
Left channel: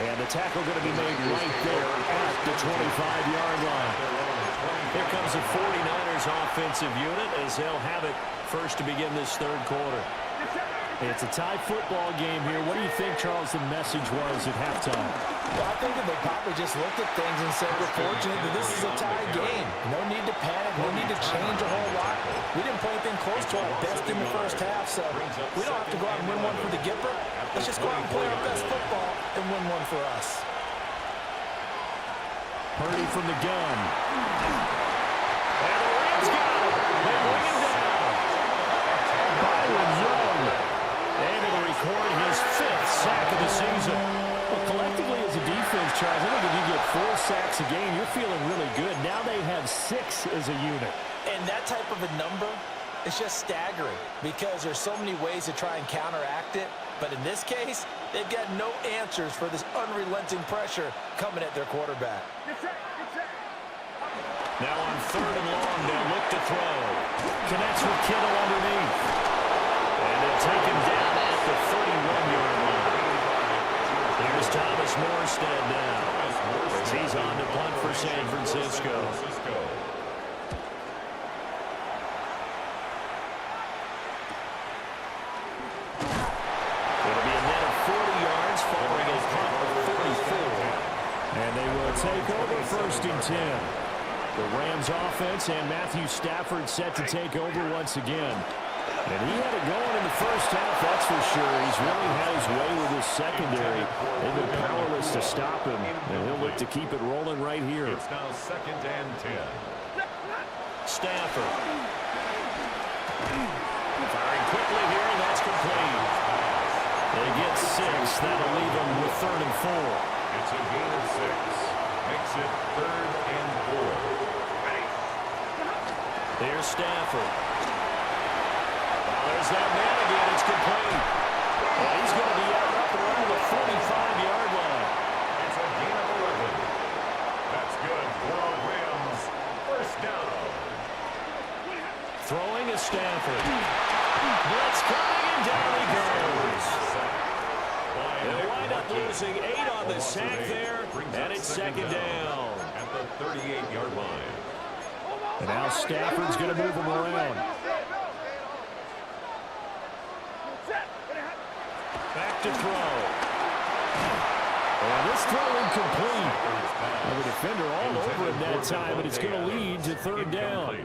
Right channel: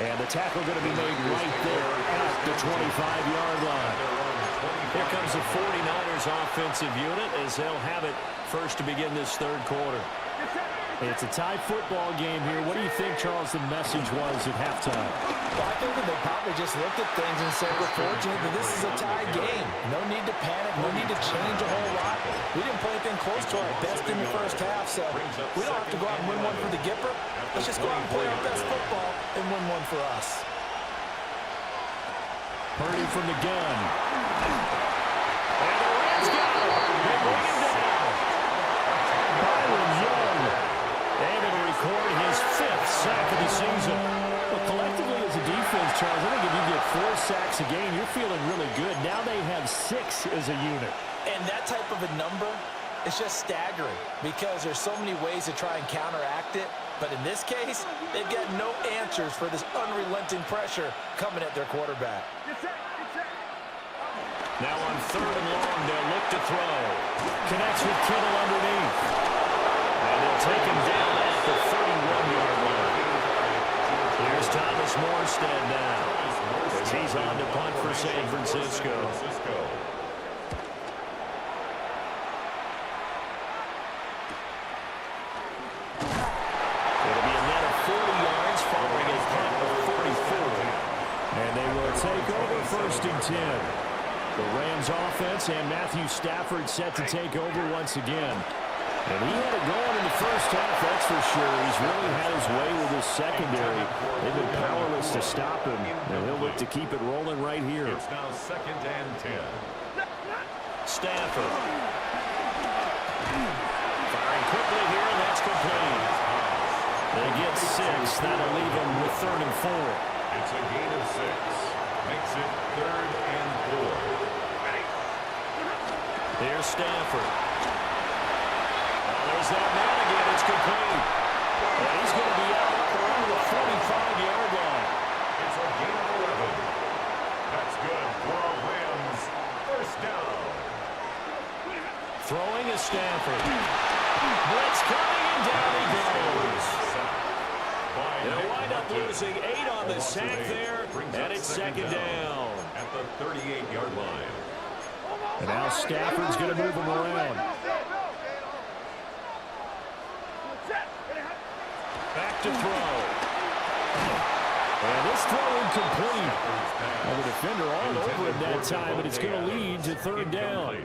And the tackle going to be made right there at the 25-yard line. Here comes the 49ers offensive unit as they'll have it first to begin this third quarter. It's a tie football game here. What do you think, Charles, the message was at halftime? Well, I think that they probably just looked at things and said, we're fortunate that this is a tie game. No need to panic. No need to change a whole lot. We didn't play anything close to our best in the first half, so we don't have to go out and win one for the Gipper. Let's just go out and play our best football and win one for us. Purdy from the gun. And the Rams got him. They bring him down. Byron Young able to record his 5th sack of the season. Well, collectively as a defense, Charles, I think if you get 4 sacks a game, you're feeling really good. Now they have 6 as a unit. And that type of a number is just staggering because there's so many ways to try and counteract it. But in this case, they've got no answers for this unrelenting pressure coming at their quarterback. Now on 3rd and long, they'll look to throw. Connects with Kittle underneath. And they'll take him down at the 31-yard line. Here's Thomas Morstead now as he's on to punt for San Francisco. It'll be a net of 40 yards following a punt of 44. And they will take over 1st and 10. The Rams offense and Matthew Stafford set to take over once again. And he had it going in the first half, that's for sure. He's really had his way with his secondary. They've been powerless to stop him, and he'll look to keep it rolling right here. It's now 2nd and 10. Stafford. Firing quickly here, and that's complete. They get 6. That'll leave them with 3rd and 4. It's a gain of 6. Makes it 3rd and 4. Here's Stafford. There's that man again. It's complete. And he's going to be out up around the 45-yard line. It's a gain of 11. That's good for a Rams 1st down. Throwing is Stafford. Blitz coming, and down he goes. They'll wind up losing 8 on the sack there, and it's 2nd down. At the 38-yard line. And now Stafford's going to move him around. Back to throw. And this throw incomplete. Well, the defender all over him that time, and it's going to lead to 3rd down.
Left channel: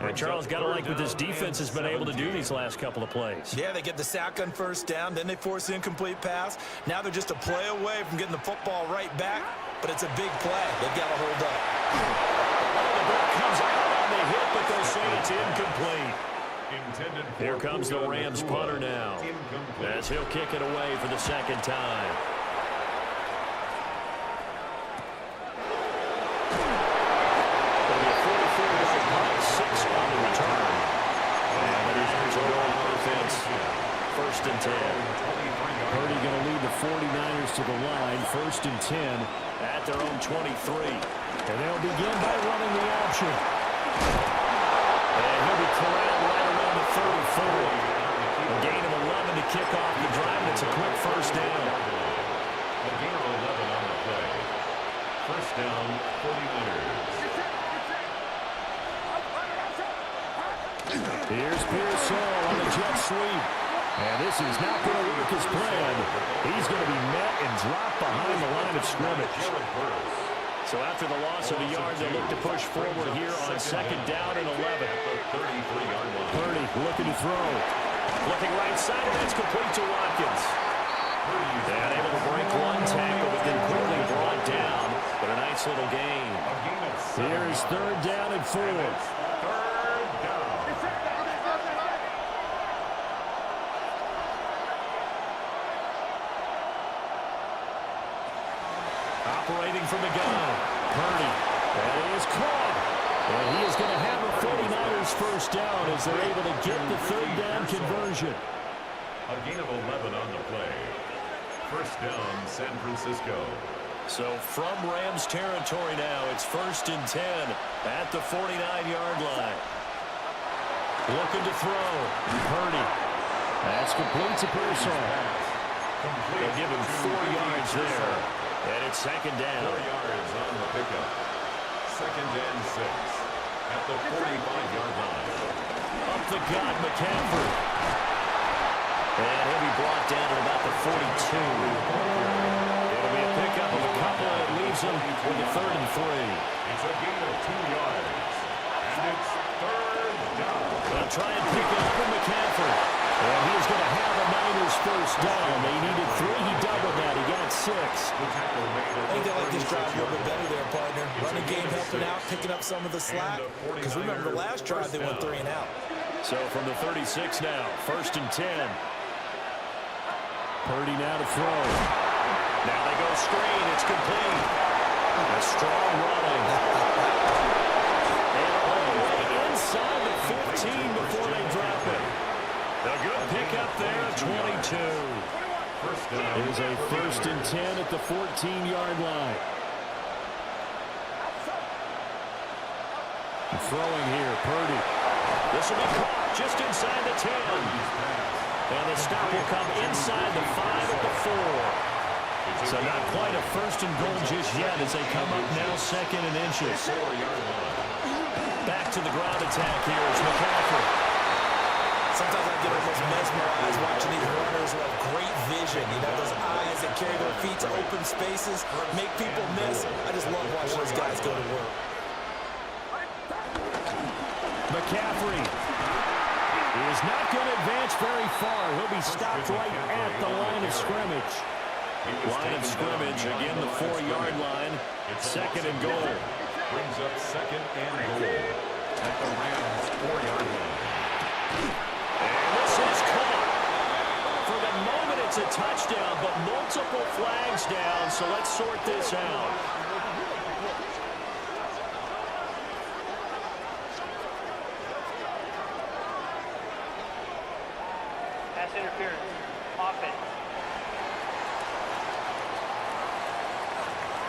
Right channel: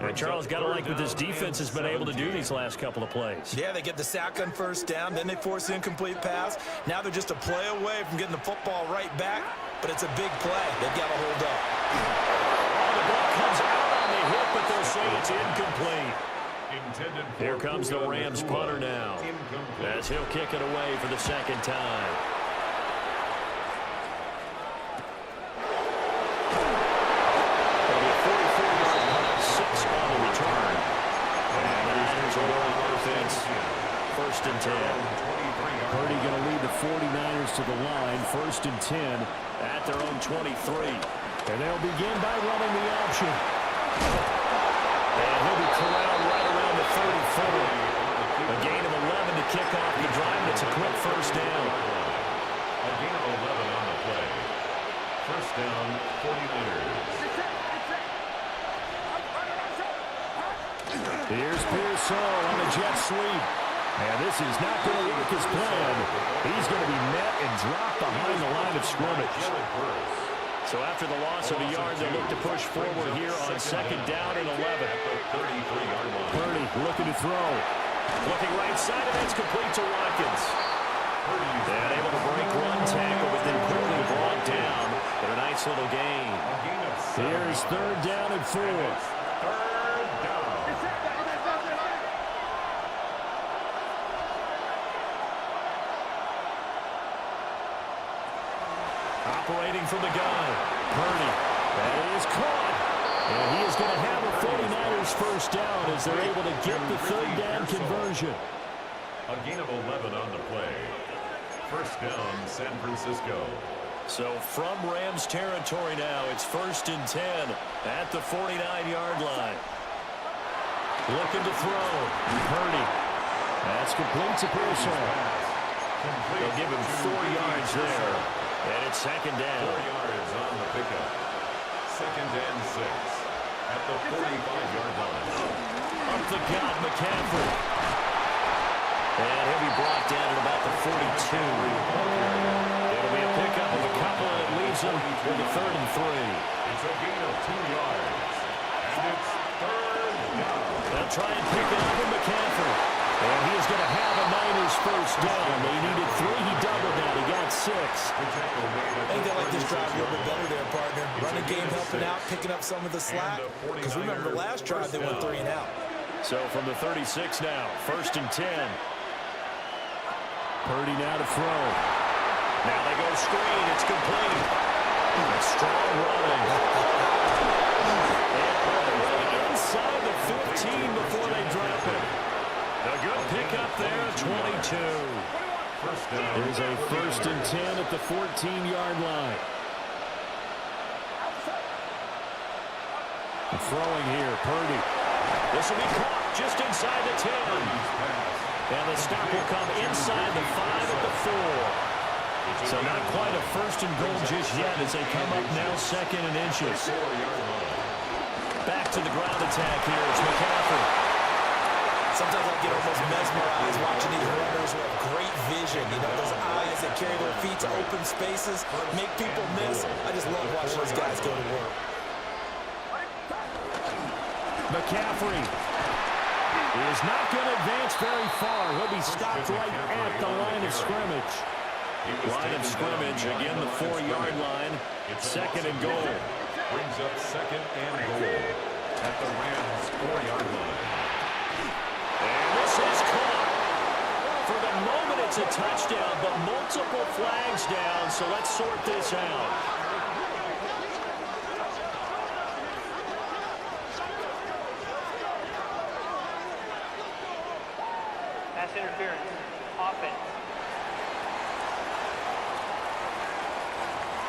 And Charles, got to like what this defense has been able to do these last couple of plays. Yeah, they get the sack on 1st down, then they force the incomplete pass. Now they're just a play away from getting the football right back, but it's a big play. They've got to hold up. Oh, the ball comes out on the hit, but they'll say it's incomplete. Here comes the Rams punter now, as he'll kick it away for the 2nd time. It'll be a 44-yard punt, 6 on the return. And the Niners will go on offense. 1st and 10. Purdy going to lead the 49ers to the line. 1st and 10 at their own 23. And they'll begin by running the option. And he'll be corralled right around the 34. A gain of 11 to kick off the drive, and it's a quick 1st down. A gain of 11 on the play. 1st down, 49ers. Here's Pearsall on the jet sweep. And this is not going to work as planned. He's going to be met and dropped behind the line of scrimmage. So after the loss of a yard, they'll look to push forward here on 2nd down and 11. Purdy looking to throw. Looking right side, and that's complete to Watkins. And able to break one tackle, but then quickly brought down. But a nice little gain. A gain of 7 Here's yards. 3rd down and 4. And it's 3rd down. Operating from the gun. Purdy. That is caught. And he is going to have a 49ers first down as they're able to get the 3rd down conversion. A gain of 11 on the play. First down, San Francisco. So from Rams territory now, it's 1st and 10 at the 49-yard line. Looking to throw. Purdy. That's complete to Pearsall. They'll give him 4 yards there. And it's 2nd down. 4 yards on the pickup. 2nd and 6 at the 45-yard line. Up the gut, McCaffrey. And he'll be brought down at about the 42. It'll be a pickup of a couple, and it leaves him with a 3rd and 3. It's a gain of 2 yards. And it's 3rd down. They'll try and pick it up with McCaffrey. And he is going to have a Niners first down. They needed 3. He doubled that. He got 6. I think they like this drive a little bit better there, partner. Running game helping out, picking up some of the slack. Because remember, the last drive they went 3 and out. So from the 36 now, 1st and 10. Purdy now to throw. Now they go screen. It's complete. A strong running. And all the way inside the 15 before they drop it. A good pickup there at 22. There's a 1st and 10 at the 14-yard line. Throwing here, Purdy. This will be caught just inside the 10. And the stop will come inside the 5 at the 4. So not quite a 1st and goal just yet as they come up now 2nd and inches. Back to the ground attack here. It's McCaffrey. Sometimes I get almost mesmerized watching these runners who have great vision. You know, those eyes that carry their feet to open spaces, make people miss. I just love watching those guys go to work. McCaffrey is not going to advance very far. He'll be stopped right at the line of scrimmage. Line of scrimmage, again, the 4-yard line. 2nd and goal. Brings up 2nd and goal at the Rams' 4-yard line. And this is caught. For the moment, it's a touchdown, but multiple flags down, so let's sort this out. Pass interference. Offense.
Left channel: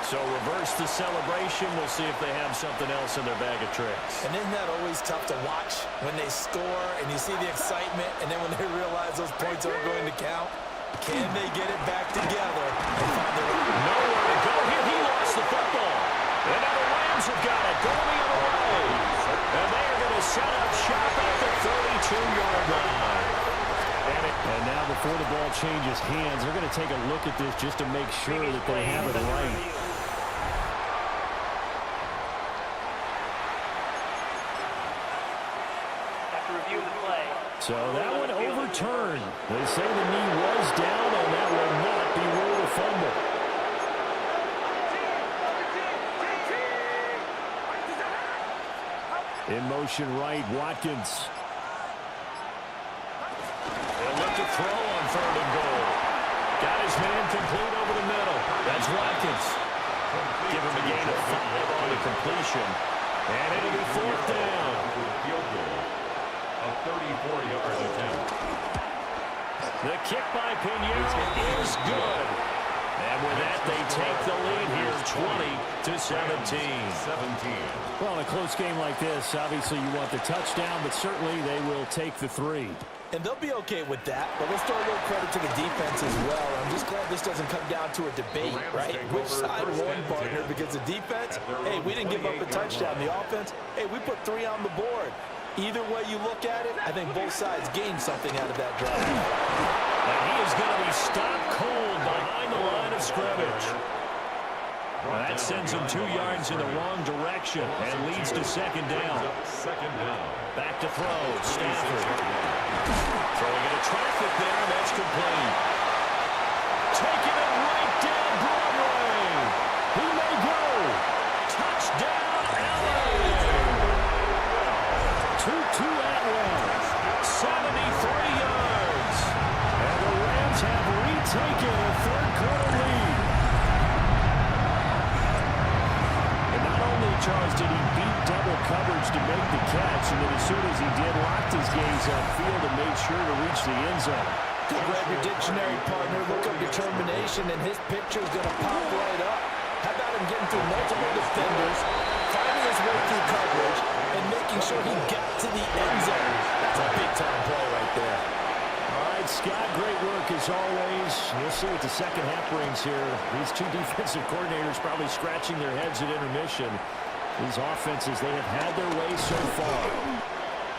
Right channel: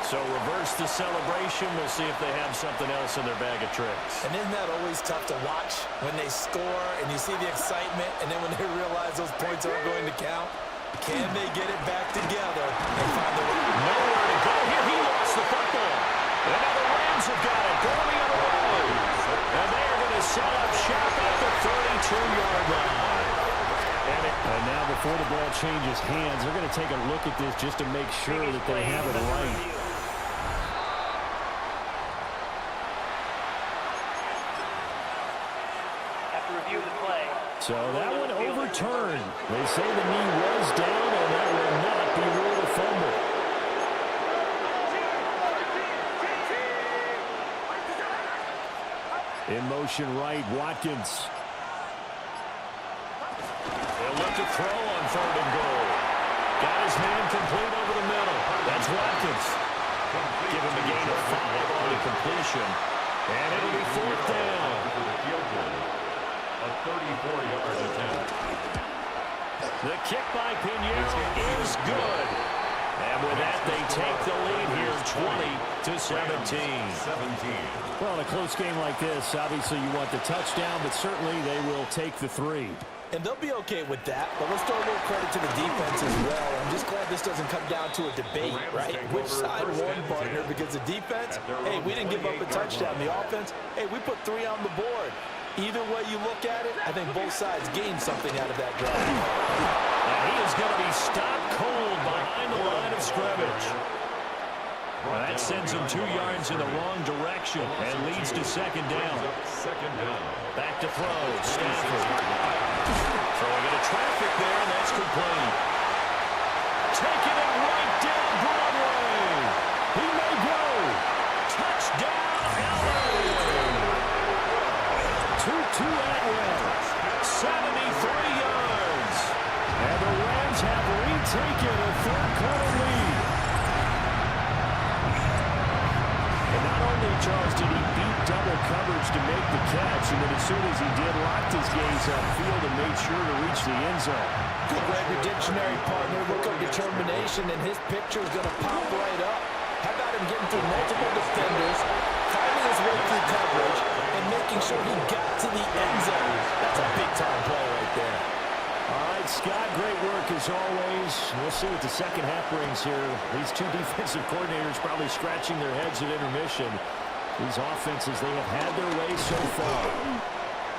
So reverse the celebration. We'll see if they have something else in their bag of tricks. And isn't that always tough to watch when they score and you see the excitement, and then when they realize those points aren't going to count? Can they get it back together and find the way? Nowhere to go here. He lost the football. And now the Rams have got it. Going the other way. And they are going to set up shop at the 32-yard line. And now before the ball changes hands, they're going to take a look at this just to make sure that they have it right. Review the play. So that one overturned. They say the knee was down, and that will not be ruled a fumble. In motion right, Watkins. They'll look to throw on 3rd and goal. Got his man complete over the middle. That's Watkins. Give him a gain of 5 on the completion. And it'll be 4th down. A 34-yard attempt. The kick by Pinheiro is good. And with that, they take the lead here 20-17. Well, in a close game like this, obviously you want the touchdown, but certainly they will take the 3. And they'll be okay with that, but let's throw a little credit to the defense as well. I'm just glad this doesn't come down to a debate, right? Which side won, partner? Because the defense, hey, we didn't give up a touchdown. The offense, hey, we put 3 on the board. Either way you look at it, I think both sides gained something out of that drive. And he is going to be stopped cold behind the line of scrimmage. Well, that sends him 2 yards in the wrong direction and leads to 2nd down. Back to throw, Stafford. Throwing into traffic there, and that's complete. Taking it right down Broadway. He may go. to Atwell. 73 yards. And the Rams have retaken a third-quarter lead. And not only, Charles, did he beat double coverage to make the catch, and then as soon as he did, locked his gaze upfield and made sure to reach the end zone. Good, Greg, your dictionary partner. Look up determination, and his picture is going to pop right up. How about him getting through multiple defenders, finding his way through coverage, and making sure he got to the end zone? That's a big-time play right there. All right, Scott, great work as always. We'll see what the second half brings here. These two defensive coordinators probably scratching their heads at intermission. These offenses, they have had their way so far.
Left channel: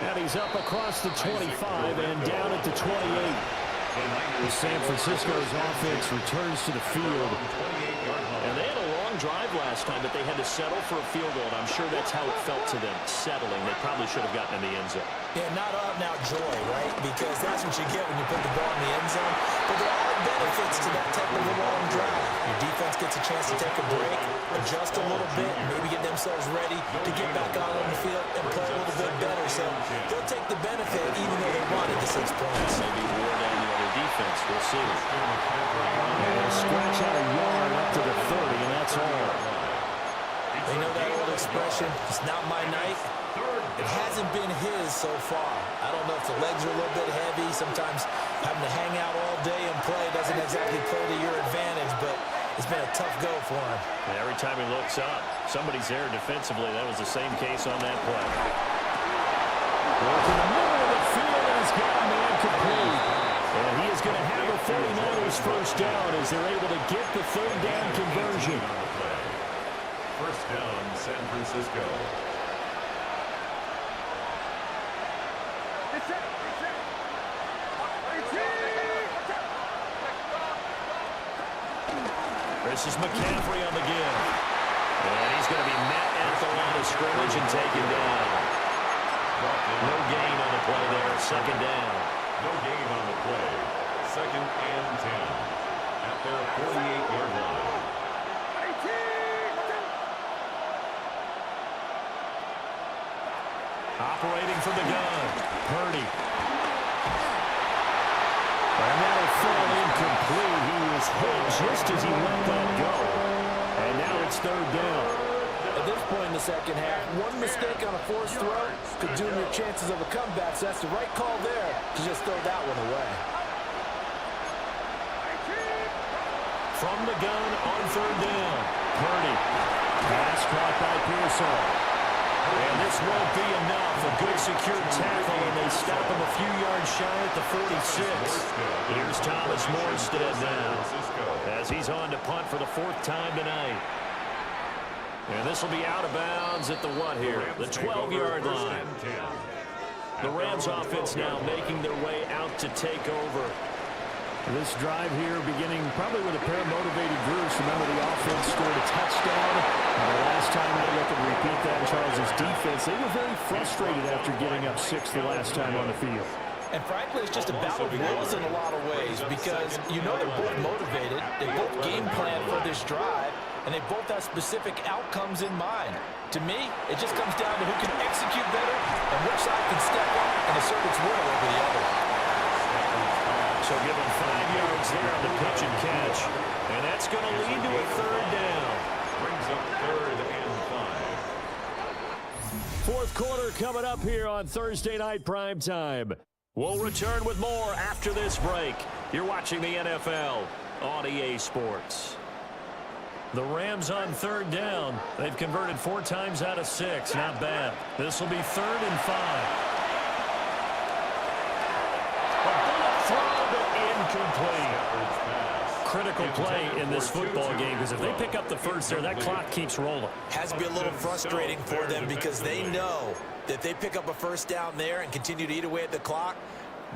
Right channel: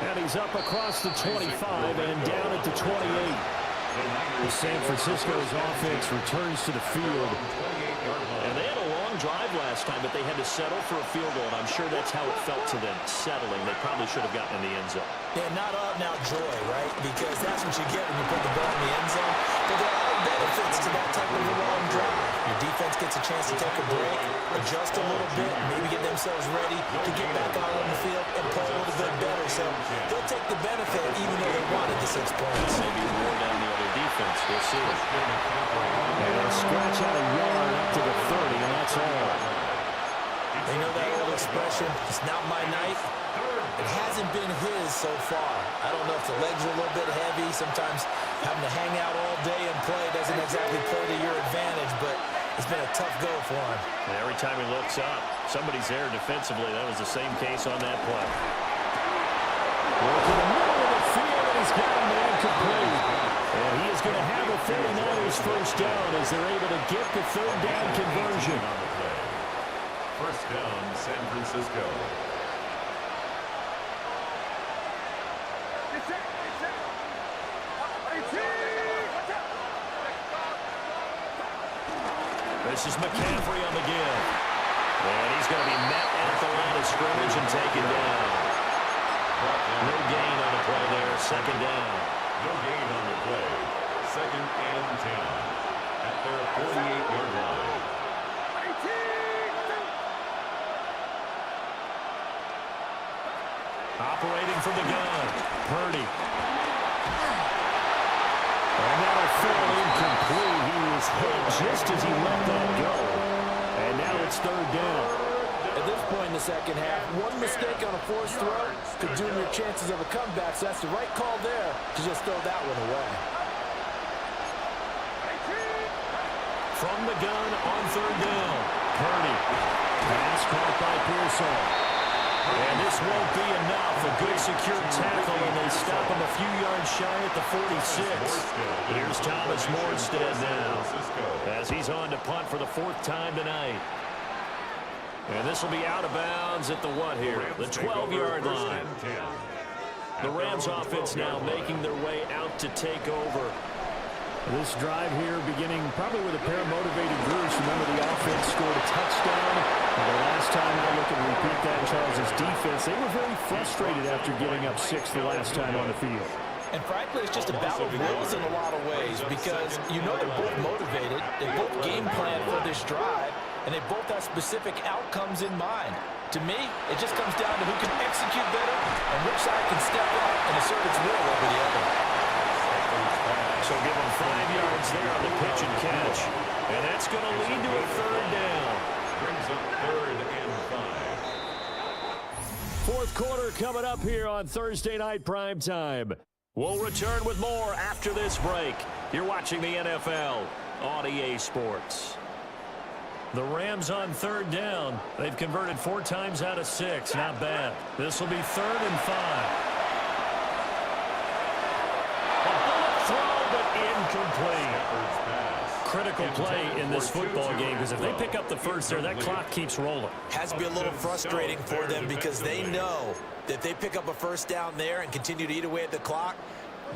And he's up across the 25 and down at the 28. San Francisco's offense returns to the field. And they had a long drive last time, but they had to settle for a field goal, and I'm sure that's how it felt to them, settling. They probably should have gotten in the end zone. Yeah, not out-and-out joy, right? Because that's what you get when you put the ball in the end zone. But there are benefits to that type of a long drive. Your defense gets a chance to take a break, adjust a little bit, maybe get themselves ready to get back out on the field and play a little bit better. So they'll take the benefit even though they wanted the 6 points. Maybe wore down the other defense. We'll see. And they'll scratch out a yard up to the 30, and that's all. They know that old expression, it's not my night. It hasn't been his so far. I don't know if the legs are a little bit heavy. Sometimes having to hang out all day and play doesn't exactly play to your advantage, but it's been a tough go for him. And every time he looks up, somebody's there defensively. That was the same case on that play. Working the middle of the field, and he's got a man complete. And he is going to have a 49ers first down as they're able to get the third down conversion. On the play. First down, San Francisco. This is McCaffrey on the give. And he's going to be met at the line of scrimmage and taken down. No gain on the play there. Second down. No gain on the play. Second and 10 at their 48-yard line. Operating from the gun. Purdy. And that'll fall incomplete. He was hit just as he let that go. And now it's third down. At this point in the second half, one mistake on a forced throw could doom your chances of a comeback, so that's the right call there to just throw that one away. From the gun on third down. Purdy. Pass caught by Pearsall. And this won't be enough. A good secure tackle, and they stop him a few yards shy at the 46. Here's Thomas Morstead now as he's on to punt for the 4th time tonight. And this will be out of bounds at the what here? The 12-yard line. The Rams offense now making their way out to take over. This drive here beginning probably with a pair of motivated groups. Remember, the offense scored a touchdown. And the last time out, look and repeat that in Charles's defense. They were very frustrated after getting up 6 the last time on the field. And frankly, it's just a battle of wills in a lot of ways because you know they're both motivated. They both game plan for this drive, and they both have specific outcomes in mind. To me, it just comes down to who can execute better and which side can step up and assert its will over the other. So give them 5 yards there on the pitch and catch. And that's going to lead to a third down. Brings up third and 5. 4th quarter coming up here on Thursday Night Primetime. We'll return with more after this break. You're watching the NFL on EA Sports. The Rams on third down. They've converted 4 times out of 6. Not bad. This will be 3rd and 5. A bullet throw, but incomplete. Critical play in this football game because if they pick up the first there, that clock keeps rolling. Has to be a little frustrating for them because they know that if they pick up a first down there and continue to eat away at the clock,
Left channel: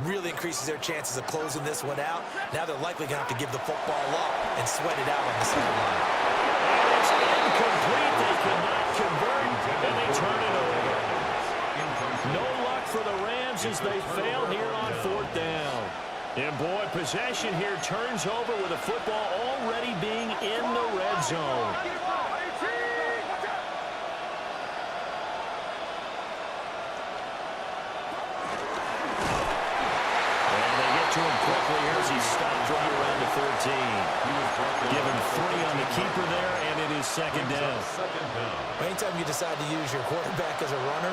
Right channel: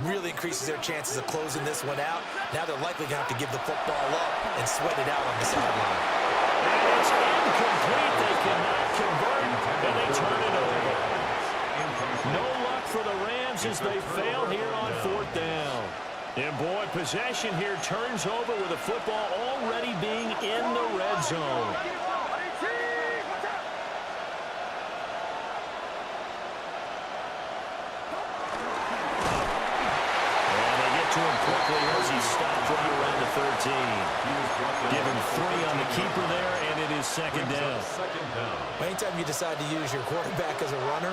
really increases their chances of closing this one out. Now they're likely going to have to give the football up and sweat it out on the sideline. And it's incomplete. They cannot convert, and they turn it over. No luck for the Rams as they fail here on 4th down. And boy, possession here turns over with the football already being in the red zone. to him quickly here as he stopped right around the 13. Give him 3 on the keeper there, and it is second down. Anytime you decide to use your quarterback as a runner,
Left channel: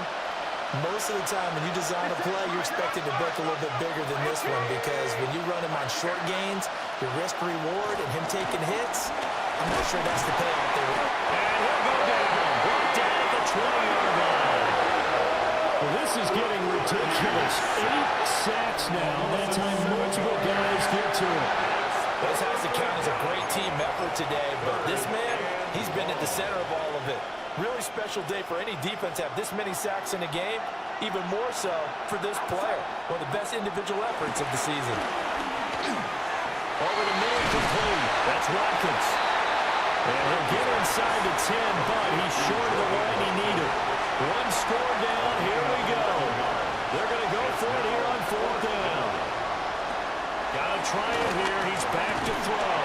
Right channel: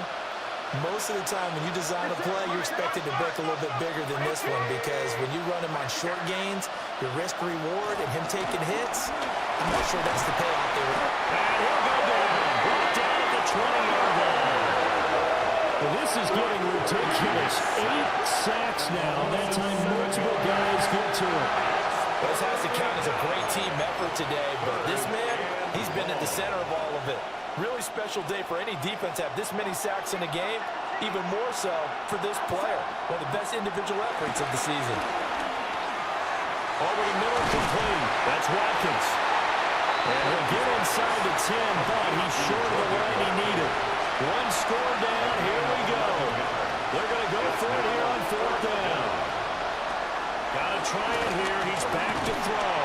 most of the time when you design a play, you're expected to break a little bit bigger than this one, because when you run him on short gains, your risk-reward and him taking hits, I'm not sure that's the payoff there. And he'll go down. Brought down at the 20-yard line. Well, this is getting ridiculous. 8 sacks now. That time multiple guys get to it. This has to count as a great team effort today, but this man, he's been at the center of all of it. Really special day for any defense to have this many sacks in a game, even more so for this player. One of the best individual efforts of the season. Over the middle, complete. That's Watkins. And he'll get inside the 10, but he's short of the line he needed. 1 score down. Here we go. They're going to go for it here on 4th down. Got to try it here. He's back to throw.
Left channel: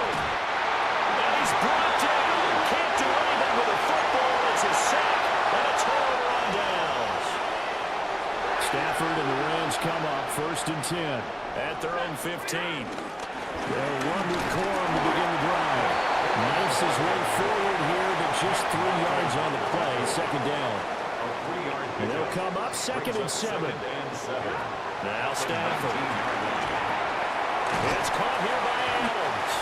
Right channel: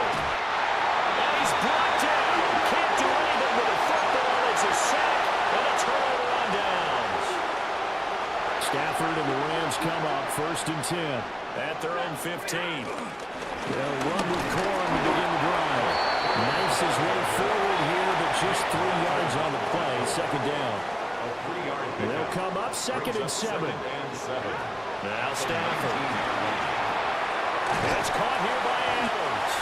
And he's brought down. Can't do anything with a football. It's a sack and a turnover on downs. Stafford and the Rams come up 1st and 10 at their own 15. They'll run with Corum to begin the drive. Knifes his way forward here, but just 3 yards on the play. Second down. They'll come up 2nd and 7. Now Stafford. It's caught here by Adams.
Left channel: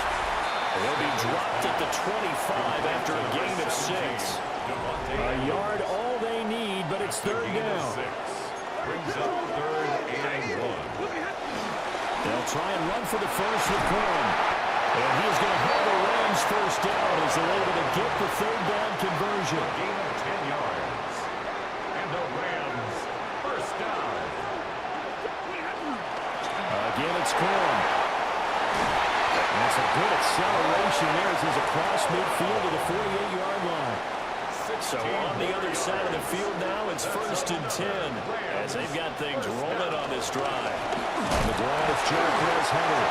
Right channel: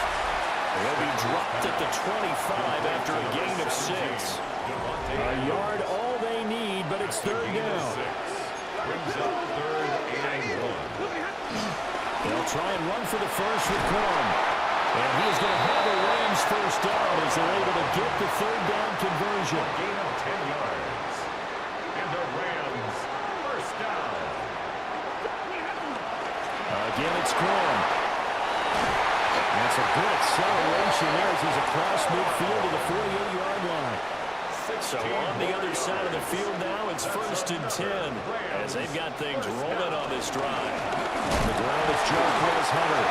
He'll be dropped at the 25 after a gain of 6. A yard all they need, but it's 3rd down. Brings up 3rd and 1. They'll try and run for the first with Corum. And he is going to have the Rams first down as they're able to get the 3rd down conversion. A gain of 10 yards. And the Rams first down. Again, it's Corum. That's a good acceleration there as he's across midfield to the 48-yard line. So on the other side of the field now, it's 1st and 10 as they've got things rolling on this drive. On the ground, it's Jarquez Hunter.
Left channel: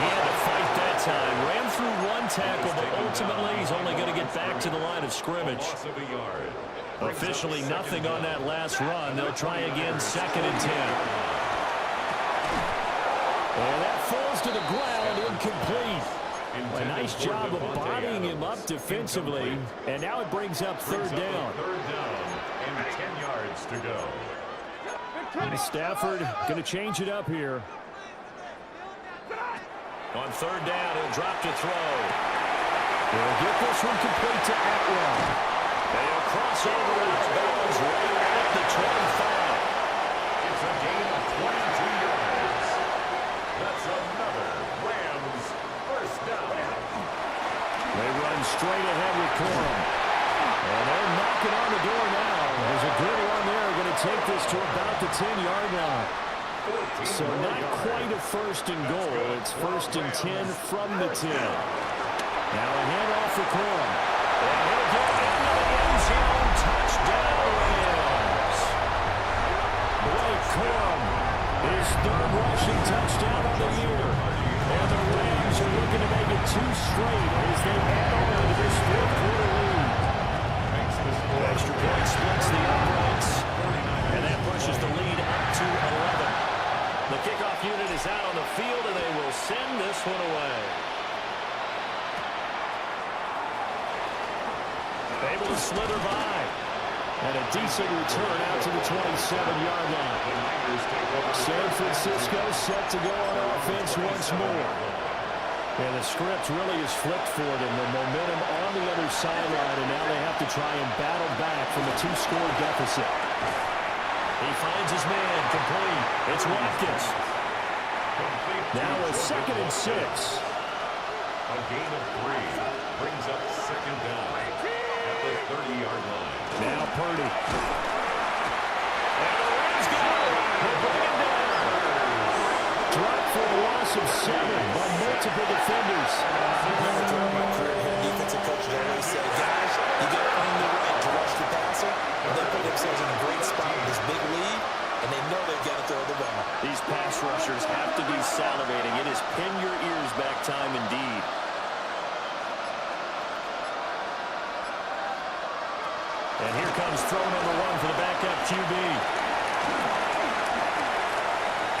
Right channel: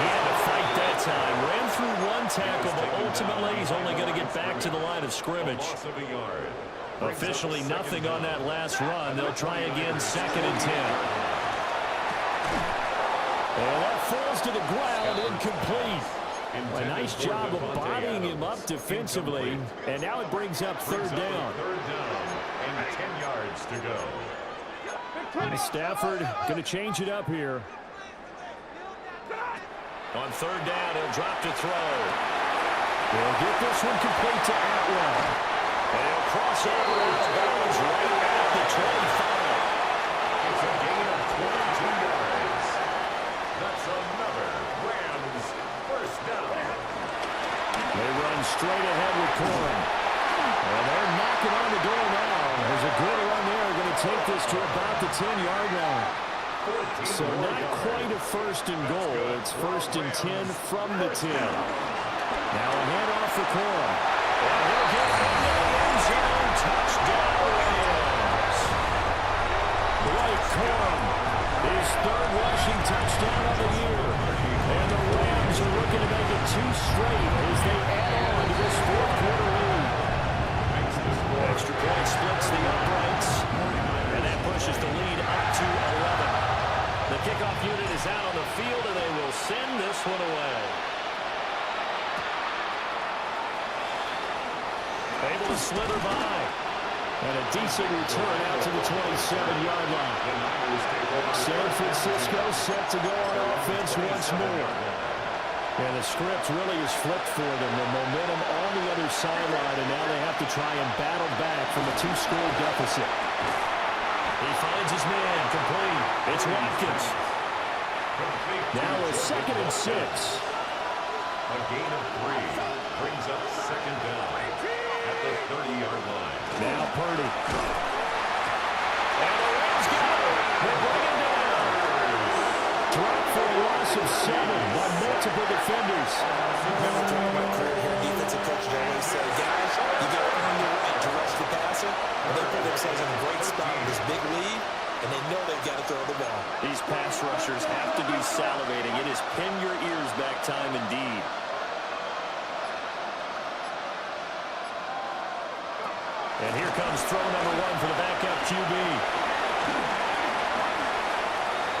He had to fight that time. Ran through 1 tackle, but ultimately he's only going to get back to the line of scrimmage. Officially nothing on that last run. They'll try again 2nd and 10. And that falls to the ground, incomplete. A nice job of bodying him up defensively, and now it brings up 3rd down. 3rd down and 10 yards to go. And Stafford going to change it up here. On 3rd down, he'll drop to throw. He'll get this one complete to Atwell. And he'll cross over out of bounds right at the 25. It's a gain of 22 yards. That's another Rams first down. They run straight ahead with Corum. And they're knocking on the door now. There's a good run there. Going to take this to about the 10-yard line. So not quite a 1st and goal. It's 1st and 10 from the 10. Now a handoff for Corum. And he'll get into the end zone. Touchdown, Rams. Blake Corum, his 3rd rushing touchdown of the year. And the Rams are looking to make it 2 straight as they add on to this 4th quarter lead. Extra point splits the uprights. And that pushes the lead up to 11. The kickoff unit is out on the field, and they will send this one away. Able to slither by. And a decent return out to the 27-yard line. San Francisco set to go on offense once more. And the script really is flipped for them. The momentum on the other sideline, and now they have to try and battle back from a 2-score deficit. He finds his man, complete. It's Watkins. Now a 2nd and 6. A gain of 3 brings up 2nd down at the 30-yard line. Now Purdy. And the Rams got it. They bring him down. Drop for a loss of 7 by multiple defenders. Remember throughout my career here, defensive coaches always say, guys, you got to earn the right to rush the passer. And they put themselves in a great spot with this big lead, and they know they've got to throw the ball. These pass rushers have to be salivating. It is pin your ears back time indeed. And here comes throw number 1 for the backup QB.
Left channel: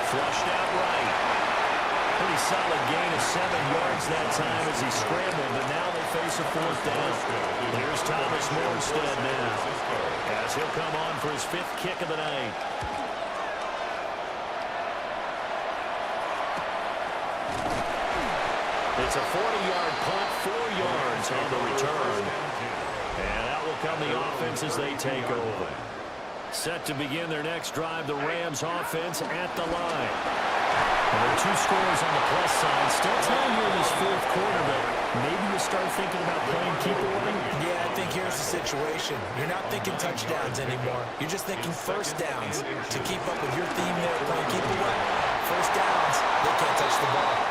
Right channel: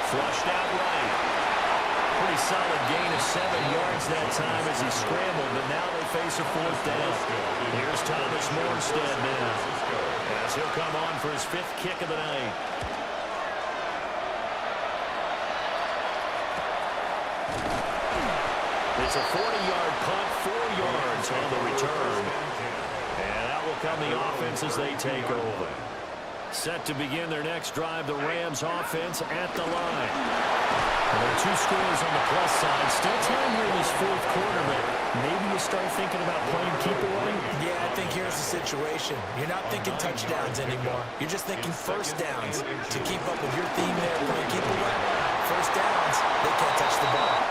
Flushed out right. Pretty solid gain of 7 yards that time as he scrambled, but now they face a 4th down. Here's Thomas Morstead now, as he'll come on for his 5th kick of the night. It's a 40-yard punt, 4 yards on the return. And out will come the offense as they take over. Set to begin their next drive, the Rams offense at the line. Well, there are 2 scores on the plus side. Still time here in this 4th quarter, but maybe you start thinking about playing keep away? Yeah, I think here's the situation. You're not thinking touchdowns anymore. You're just thinking first downs. To keep up with your theme there, playing keep away. First downs, they can't touch the ball.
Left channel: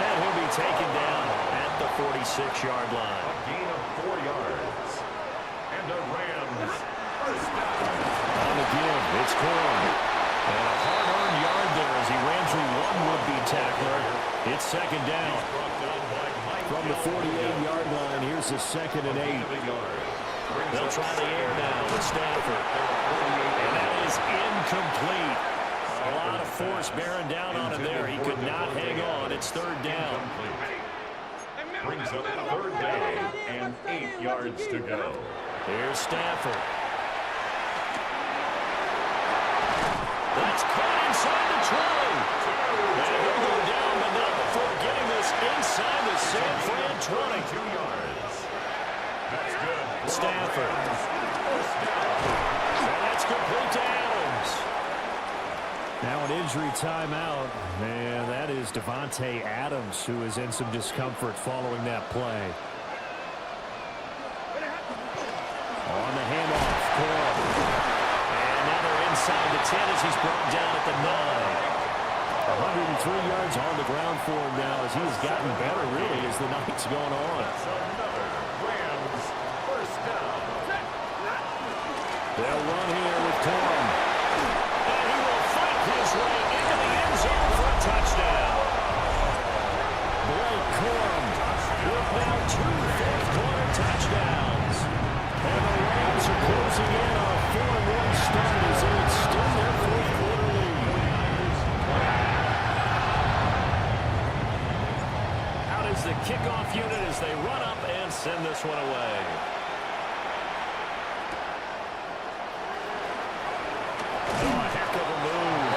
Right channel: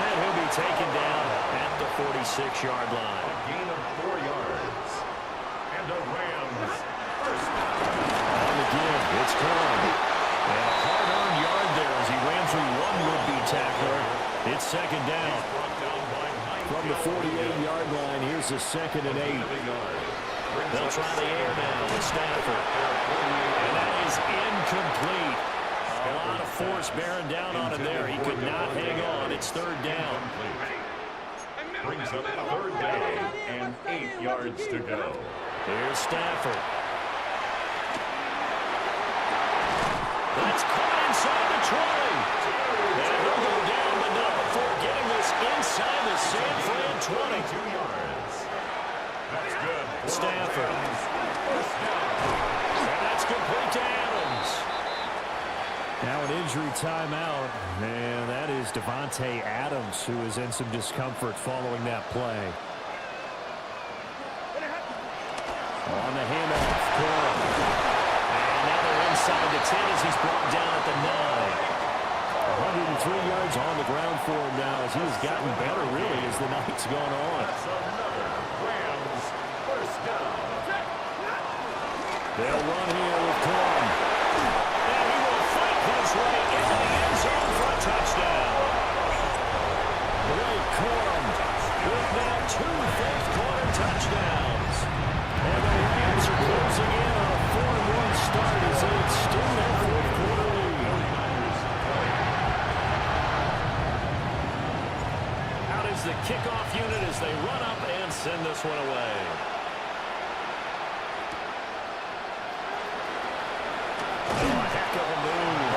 And he'll be taken down at the 46-yard line. A gain of 4 yards. And the Rams first down. On the give, it's Corn. And a hard-earned yard there as he ran through one would-be tackler. It's 2nd down. From the 48-yard line, here's a 2nd and 8. They'll try the air now with Stafford. And that is incomplete. A lot of force bearing down on him there. He could not hang on. It's 3rd down. Brings up 3rd down and 8 yards to go. Here's Stafford. That's caught inside the 20. And he'll go down, but not before getting this inside the San Fran 20. 2 yards. That's good. Stafford. First down. And that's complete to Adams. Now an injury timeout, and that is Devontae Adams, who is in some discomfort following that play. On the handoff, Coral. And now they're inside the 10 as he's brought down at the 9. 103 yards on the ground for him now as he's gotten better, really, as the night's gone on. That's another Rams first down. They'll run here with Corum. And he will fight his way into the end zone for a touchdown. Blake Corum with now 2 4th-quarter touchdowns. And the Rams are closing in on a 4-1 start as they extend their 4th-quarter lead. 49ers 20. Out is the kickoff unit as they run up and send this one away. Oh, a heck of a move.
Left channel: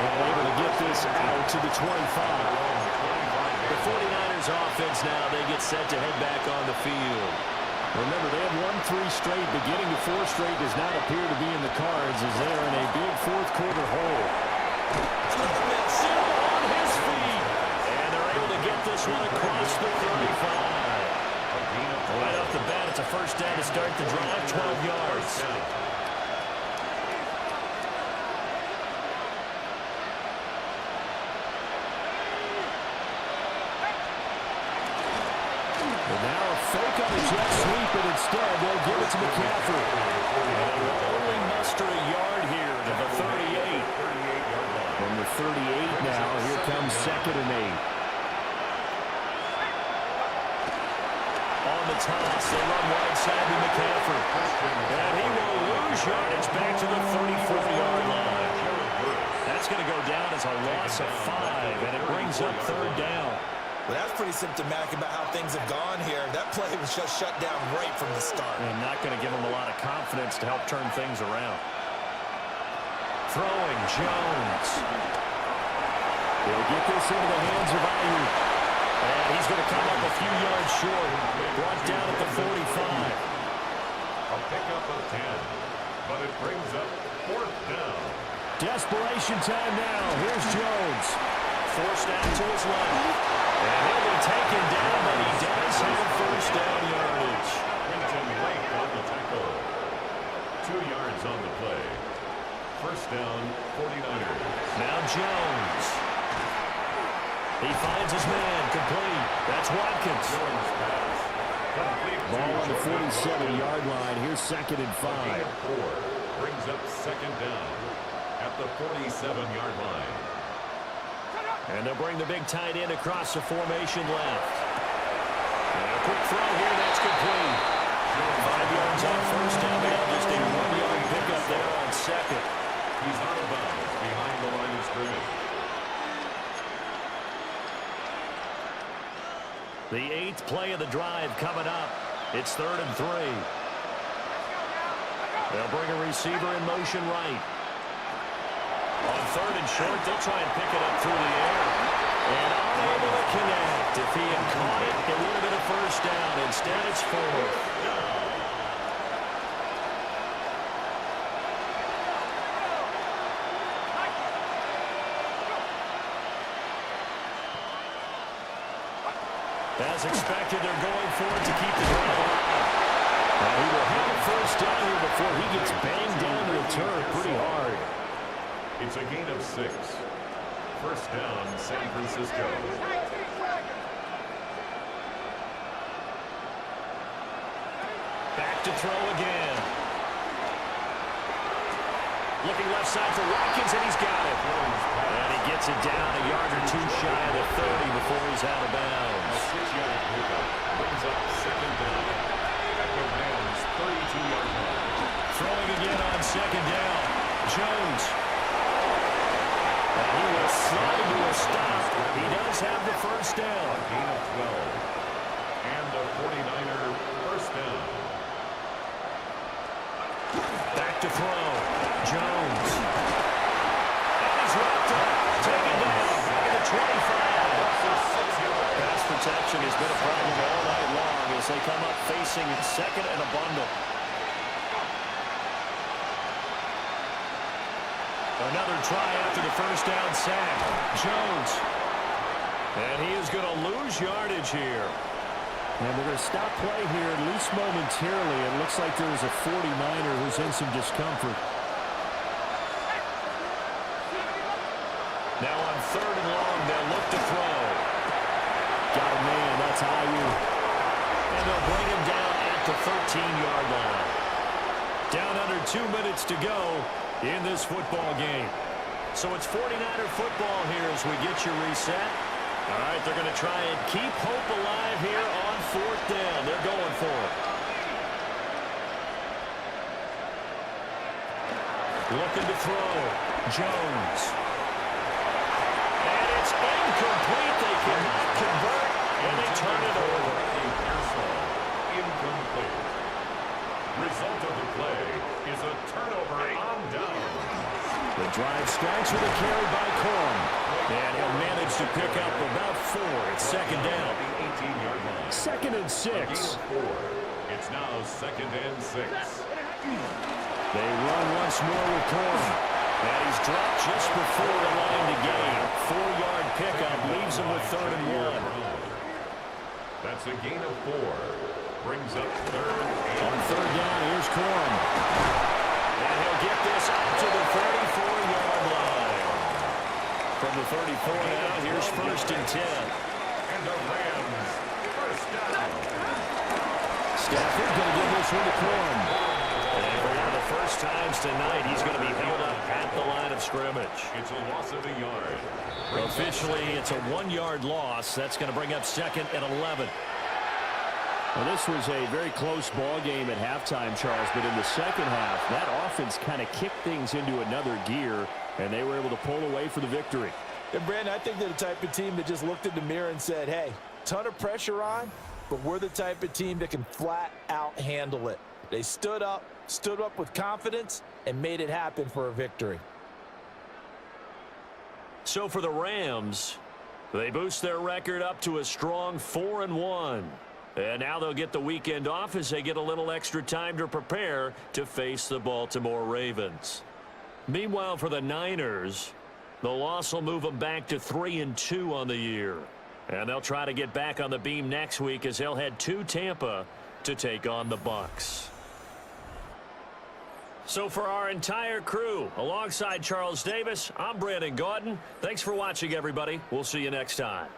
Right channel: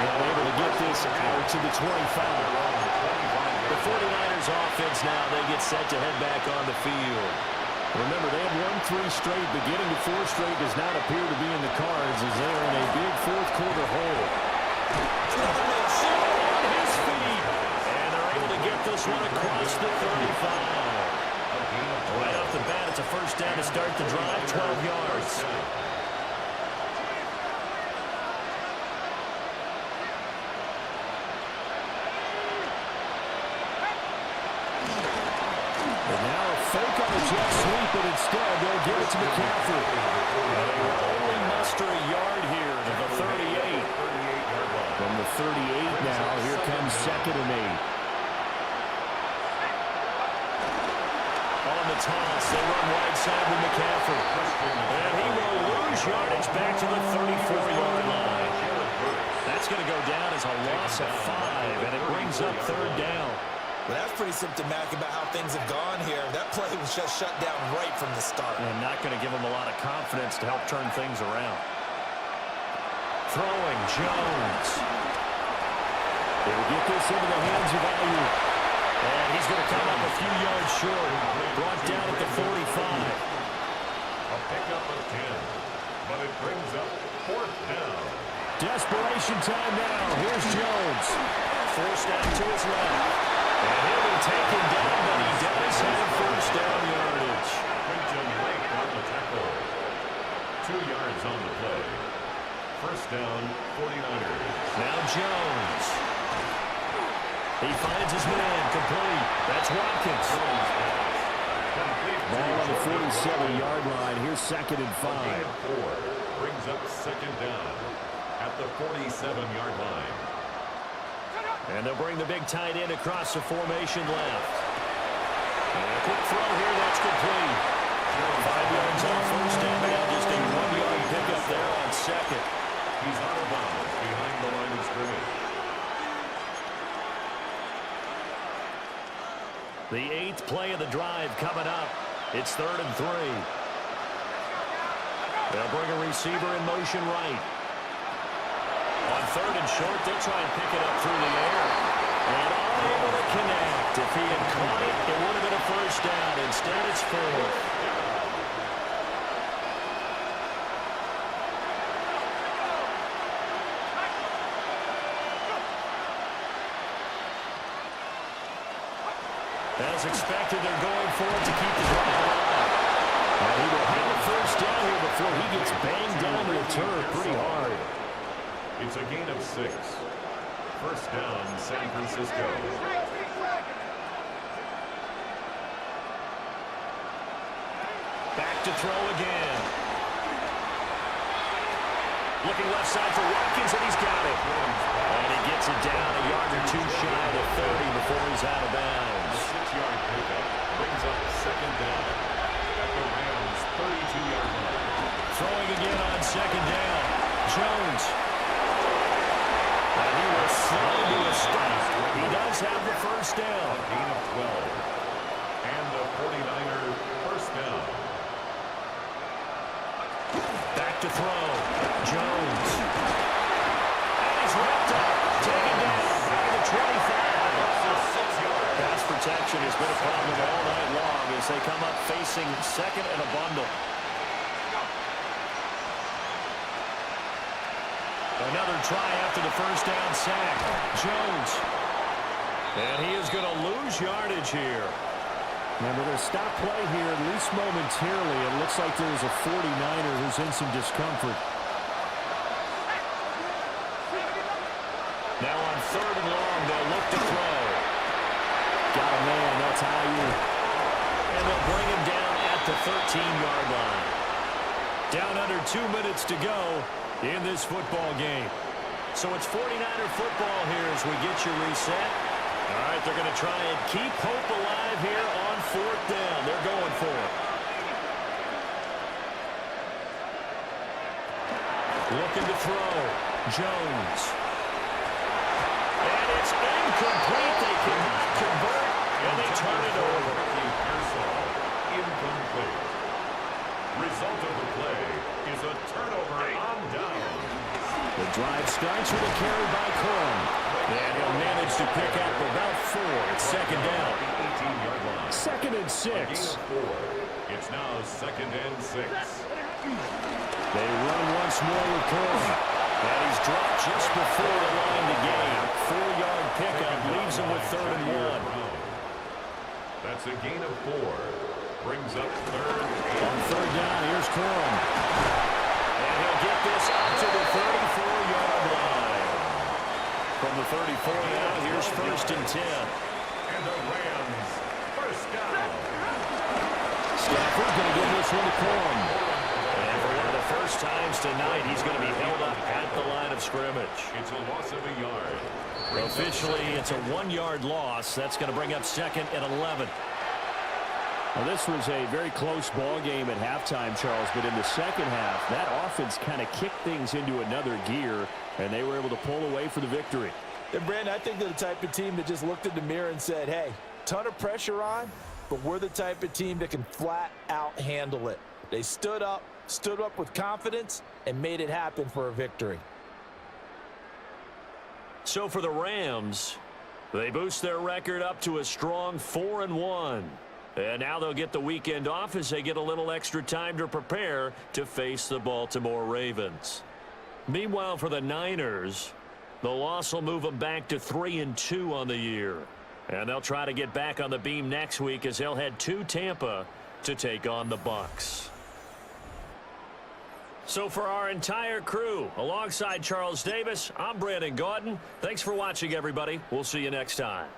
And able to get this out to the 25. The 49ers offense now, they get set to head back on the field. Remember, they have won 3 straight, but getting to 4 straight does not appear to be in the cards as they are in a big 4th-quarter hole. Another miss. Still on his feet. And they're able to get this one across the 35. Right off the bat, it's a first down to start the drive, 12 yards. And now a fake on a jet sweep, but instead they'll give it to McCaffrey. And they will only muster a yard here to the 38. From the 38 now, here comes 2nd and 8. On the toss, they run wide side with McCaffrey. And he will lose yardage back to the 34-yard line. That's going to go down as a loss of 5, and it brings up 3rd down. Well, that's pretty symptomatic about how things have gone here. That play was just shut down right from the start. And not going to give them a lot of confidence to help turn things around. Throwing, Jones. He'll get this into the hands of Ayuk. And he's going to come up a few yards short. Brought down at the 45. A pickup of 10, but it brings up 4th down. Desperation time now. Here's Jones. Forced out to his left. And he'll be taken down, but he does have first down yardage. Quinton Lake on the tackle. 2 yards on the play. First down, 49ers. Now Jones. He finds his man, complete. That's Watkins. Jones pass. Complete. Ball on the 47-yard line. Here's 2nd and 5. A gain of 4 brings up 2nd down at the 47-yard line. And they'll bring the big tight end across the formation left. And a quick throw here, that's complete. 5 yards on first down, but now just a 1-yard pickup there on 2nd. He's out of bounds behind the line of scrimmage. 8th play of the drive coming up. It's 3rd and 3. They'll bring a receiver in motion right. On 3rd and short, they'll try and pick it up through the air. And unable to connect. If he had caught it, it would have been a first down. Instead, it's 4th. As expected, they're going for it to keep the drive alive. And he will have a first down here before he gets banged down to the turf pretty hard. It's a gain of 6. First down, San Francisco. Back to throw again. Looking left side for Watkins, and he's got it. And he gets it down a yard or two shy of the 30 before he's out of bounds. A 6-yard pickup brings up second down at the Rams' 32-yard line. Throwing again on second down. Jones. And he will slide to a stop. He does have the first down. A gain of 12. And a 49er first down. Back to throw. Jones. And he's wrapped up. Taken down. Back at the 25. Pass protection has been a problem all night long as they come up facing second and a bundle. Another try after the first down sack. Jones. And he is going to lose yardage here. And we're going to stop play here, at least momentarily. It looks like there's a 49er who's in some discomfort. Now on 3rd and long, they'll look to throw. Got a man, that's IU. And they'll bring him down at the 13-yard line. Down under 2 minutes to go in this football game. So it's 49er football here as we get you reset. All right, they're going to try and keep hope alive here on 4th down. They're going for it. Looking to throw. Jones. And it's incomplete. They cannot convert, and they turn it over. Incomplete. Result of the play is a turnover on down. The drive starts with a carry by Corum. And he'll manage to pick up about 4 at second down. The 18-yard line. 2nd and 6. A gain of 4. It's now 2nd and 6. They run once more with Corum. And he's dropped just before the line to gain. 4-yard pickup leaves him with 3rd and 1. That's a gain of 4. Brings up 3rd. On 3rd down, here's Corum. And he'll get this up to the 34-yard line. From the 34 now, here's 1st and 10. And the Rams first down. Stafford going to give this one to Corum. And for one of the first times tonight, he's going to be held up at the line of scrimmage. It's a loss of a yard. Officially, it's a 1-yard loss. That's going to bring up 2nd and 11. Well, this was a very close ball game at halftime, Charles, but in the second half, that offense kind of kicked things into another gear, and they were able to pull away for the victory. And Brandon, I think they're the type of team that just looked in the mirror and said, hey, ton of pressure on, but we're the type of team that can flat out handle it. They stood up with confidence, and made it happen for a victory. So for the Rams, they boost their record up to a strong 4-1. And now they'll get the weekend off as they get a little extra time to prepare to face the Baltimore Ravens. Meanwhile, for the Niners, the loss will move them back to 3-2 on the year. And they'll try to get back on the beam next week as they'll head to Tampa to take on the Bucs. So for our entire crew, alongside Charles Davis, I'm Brandon Gaudin. Thanks for watching, everybody. We'll see you next time.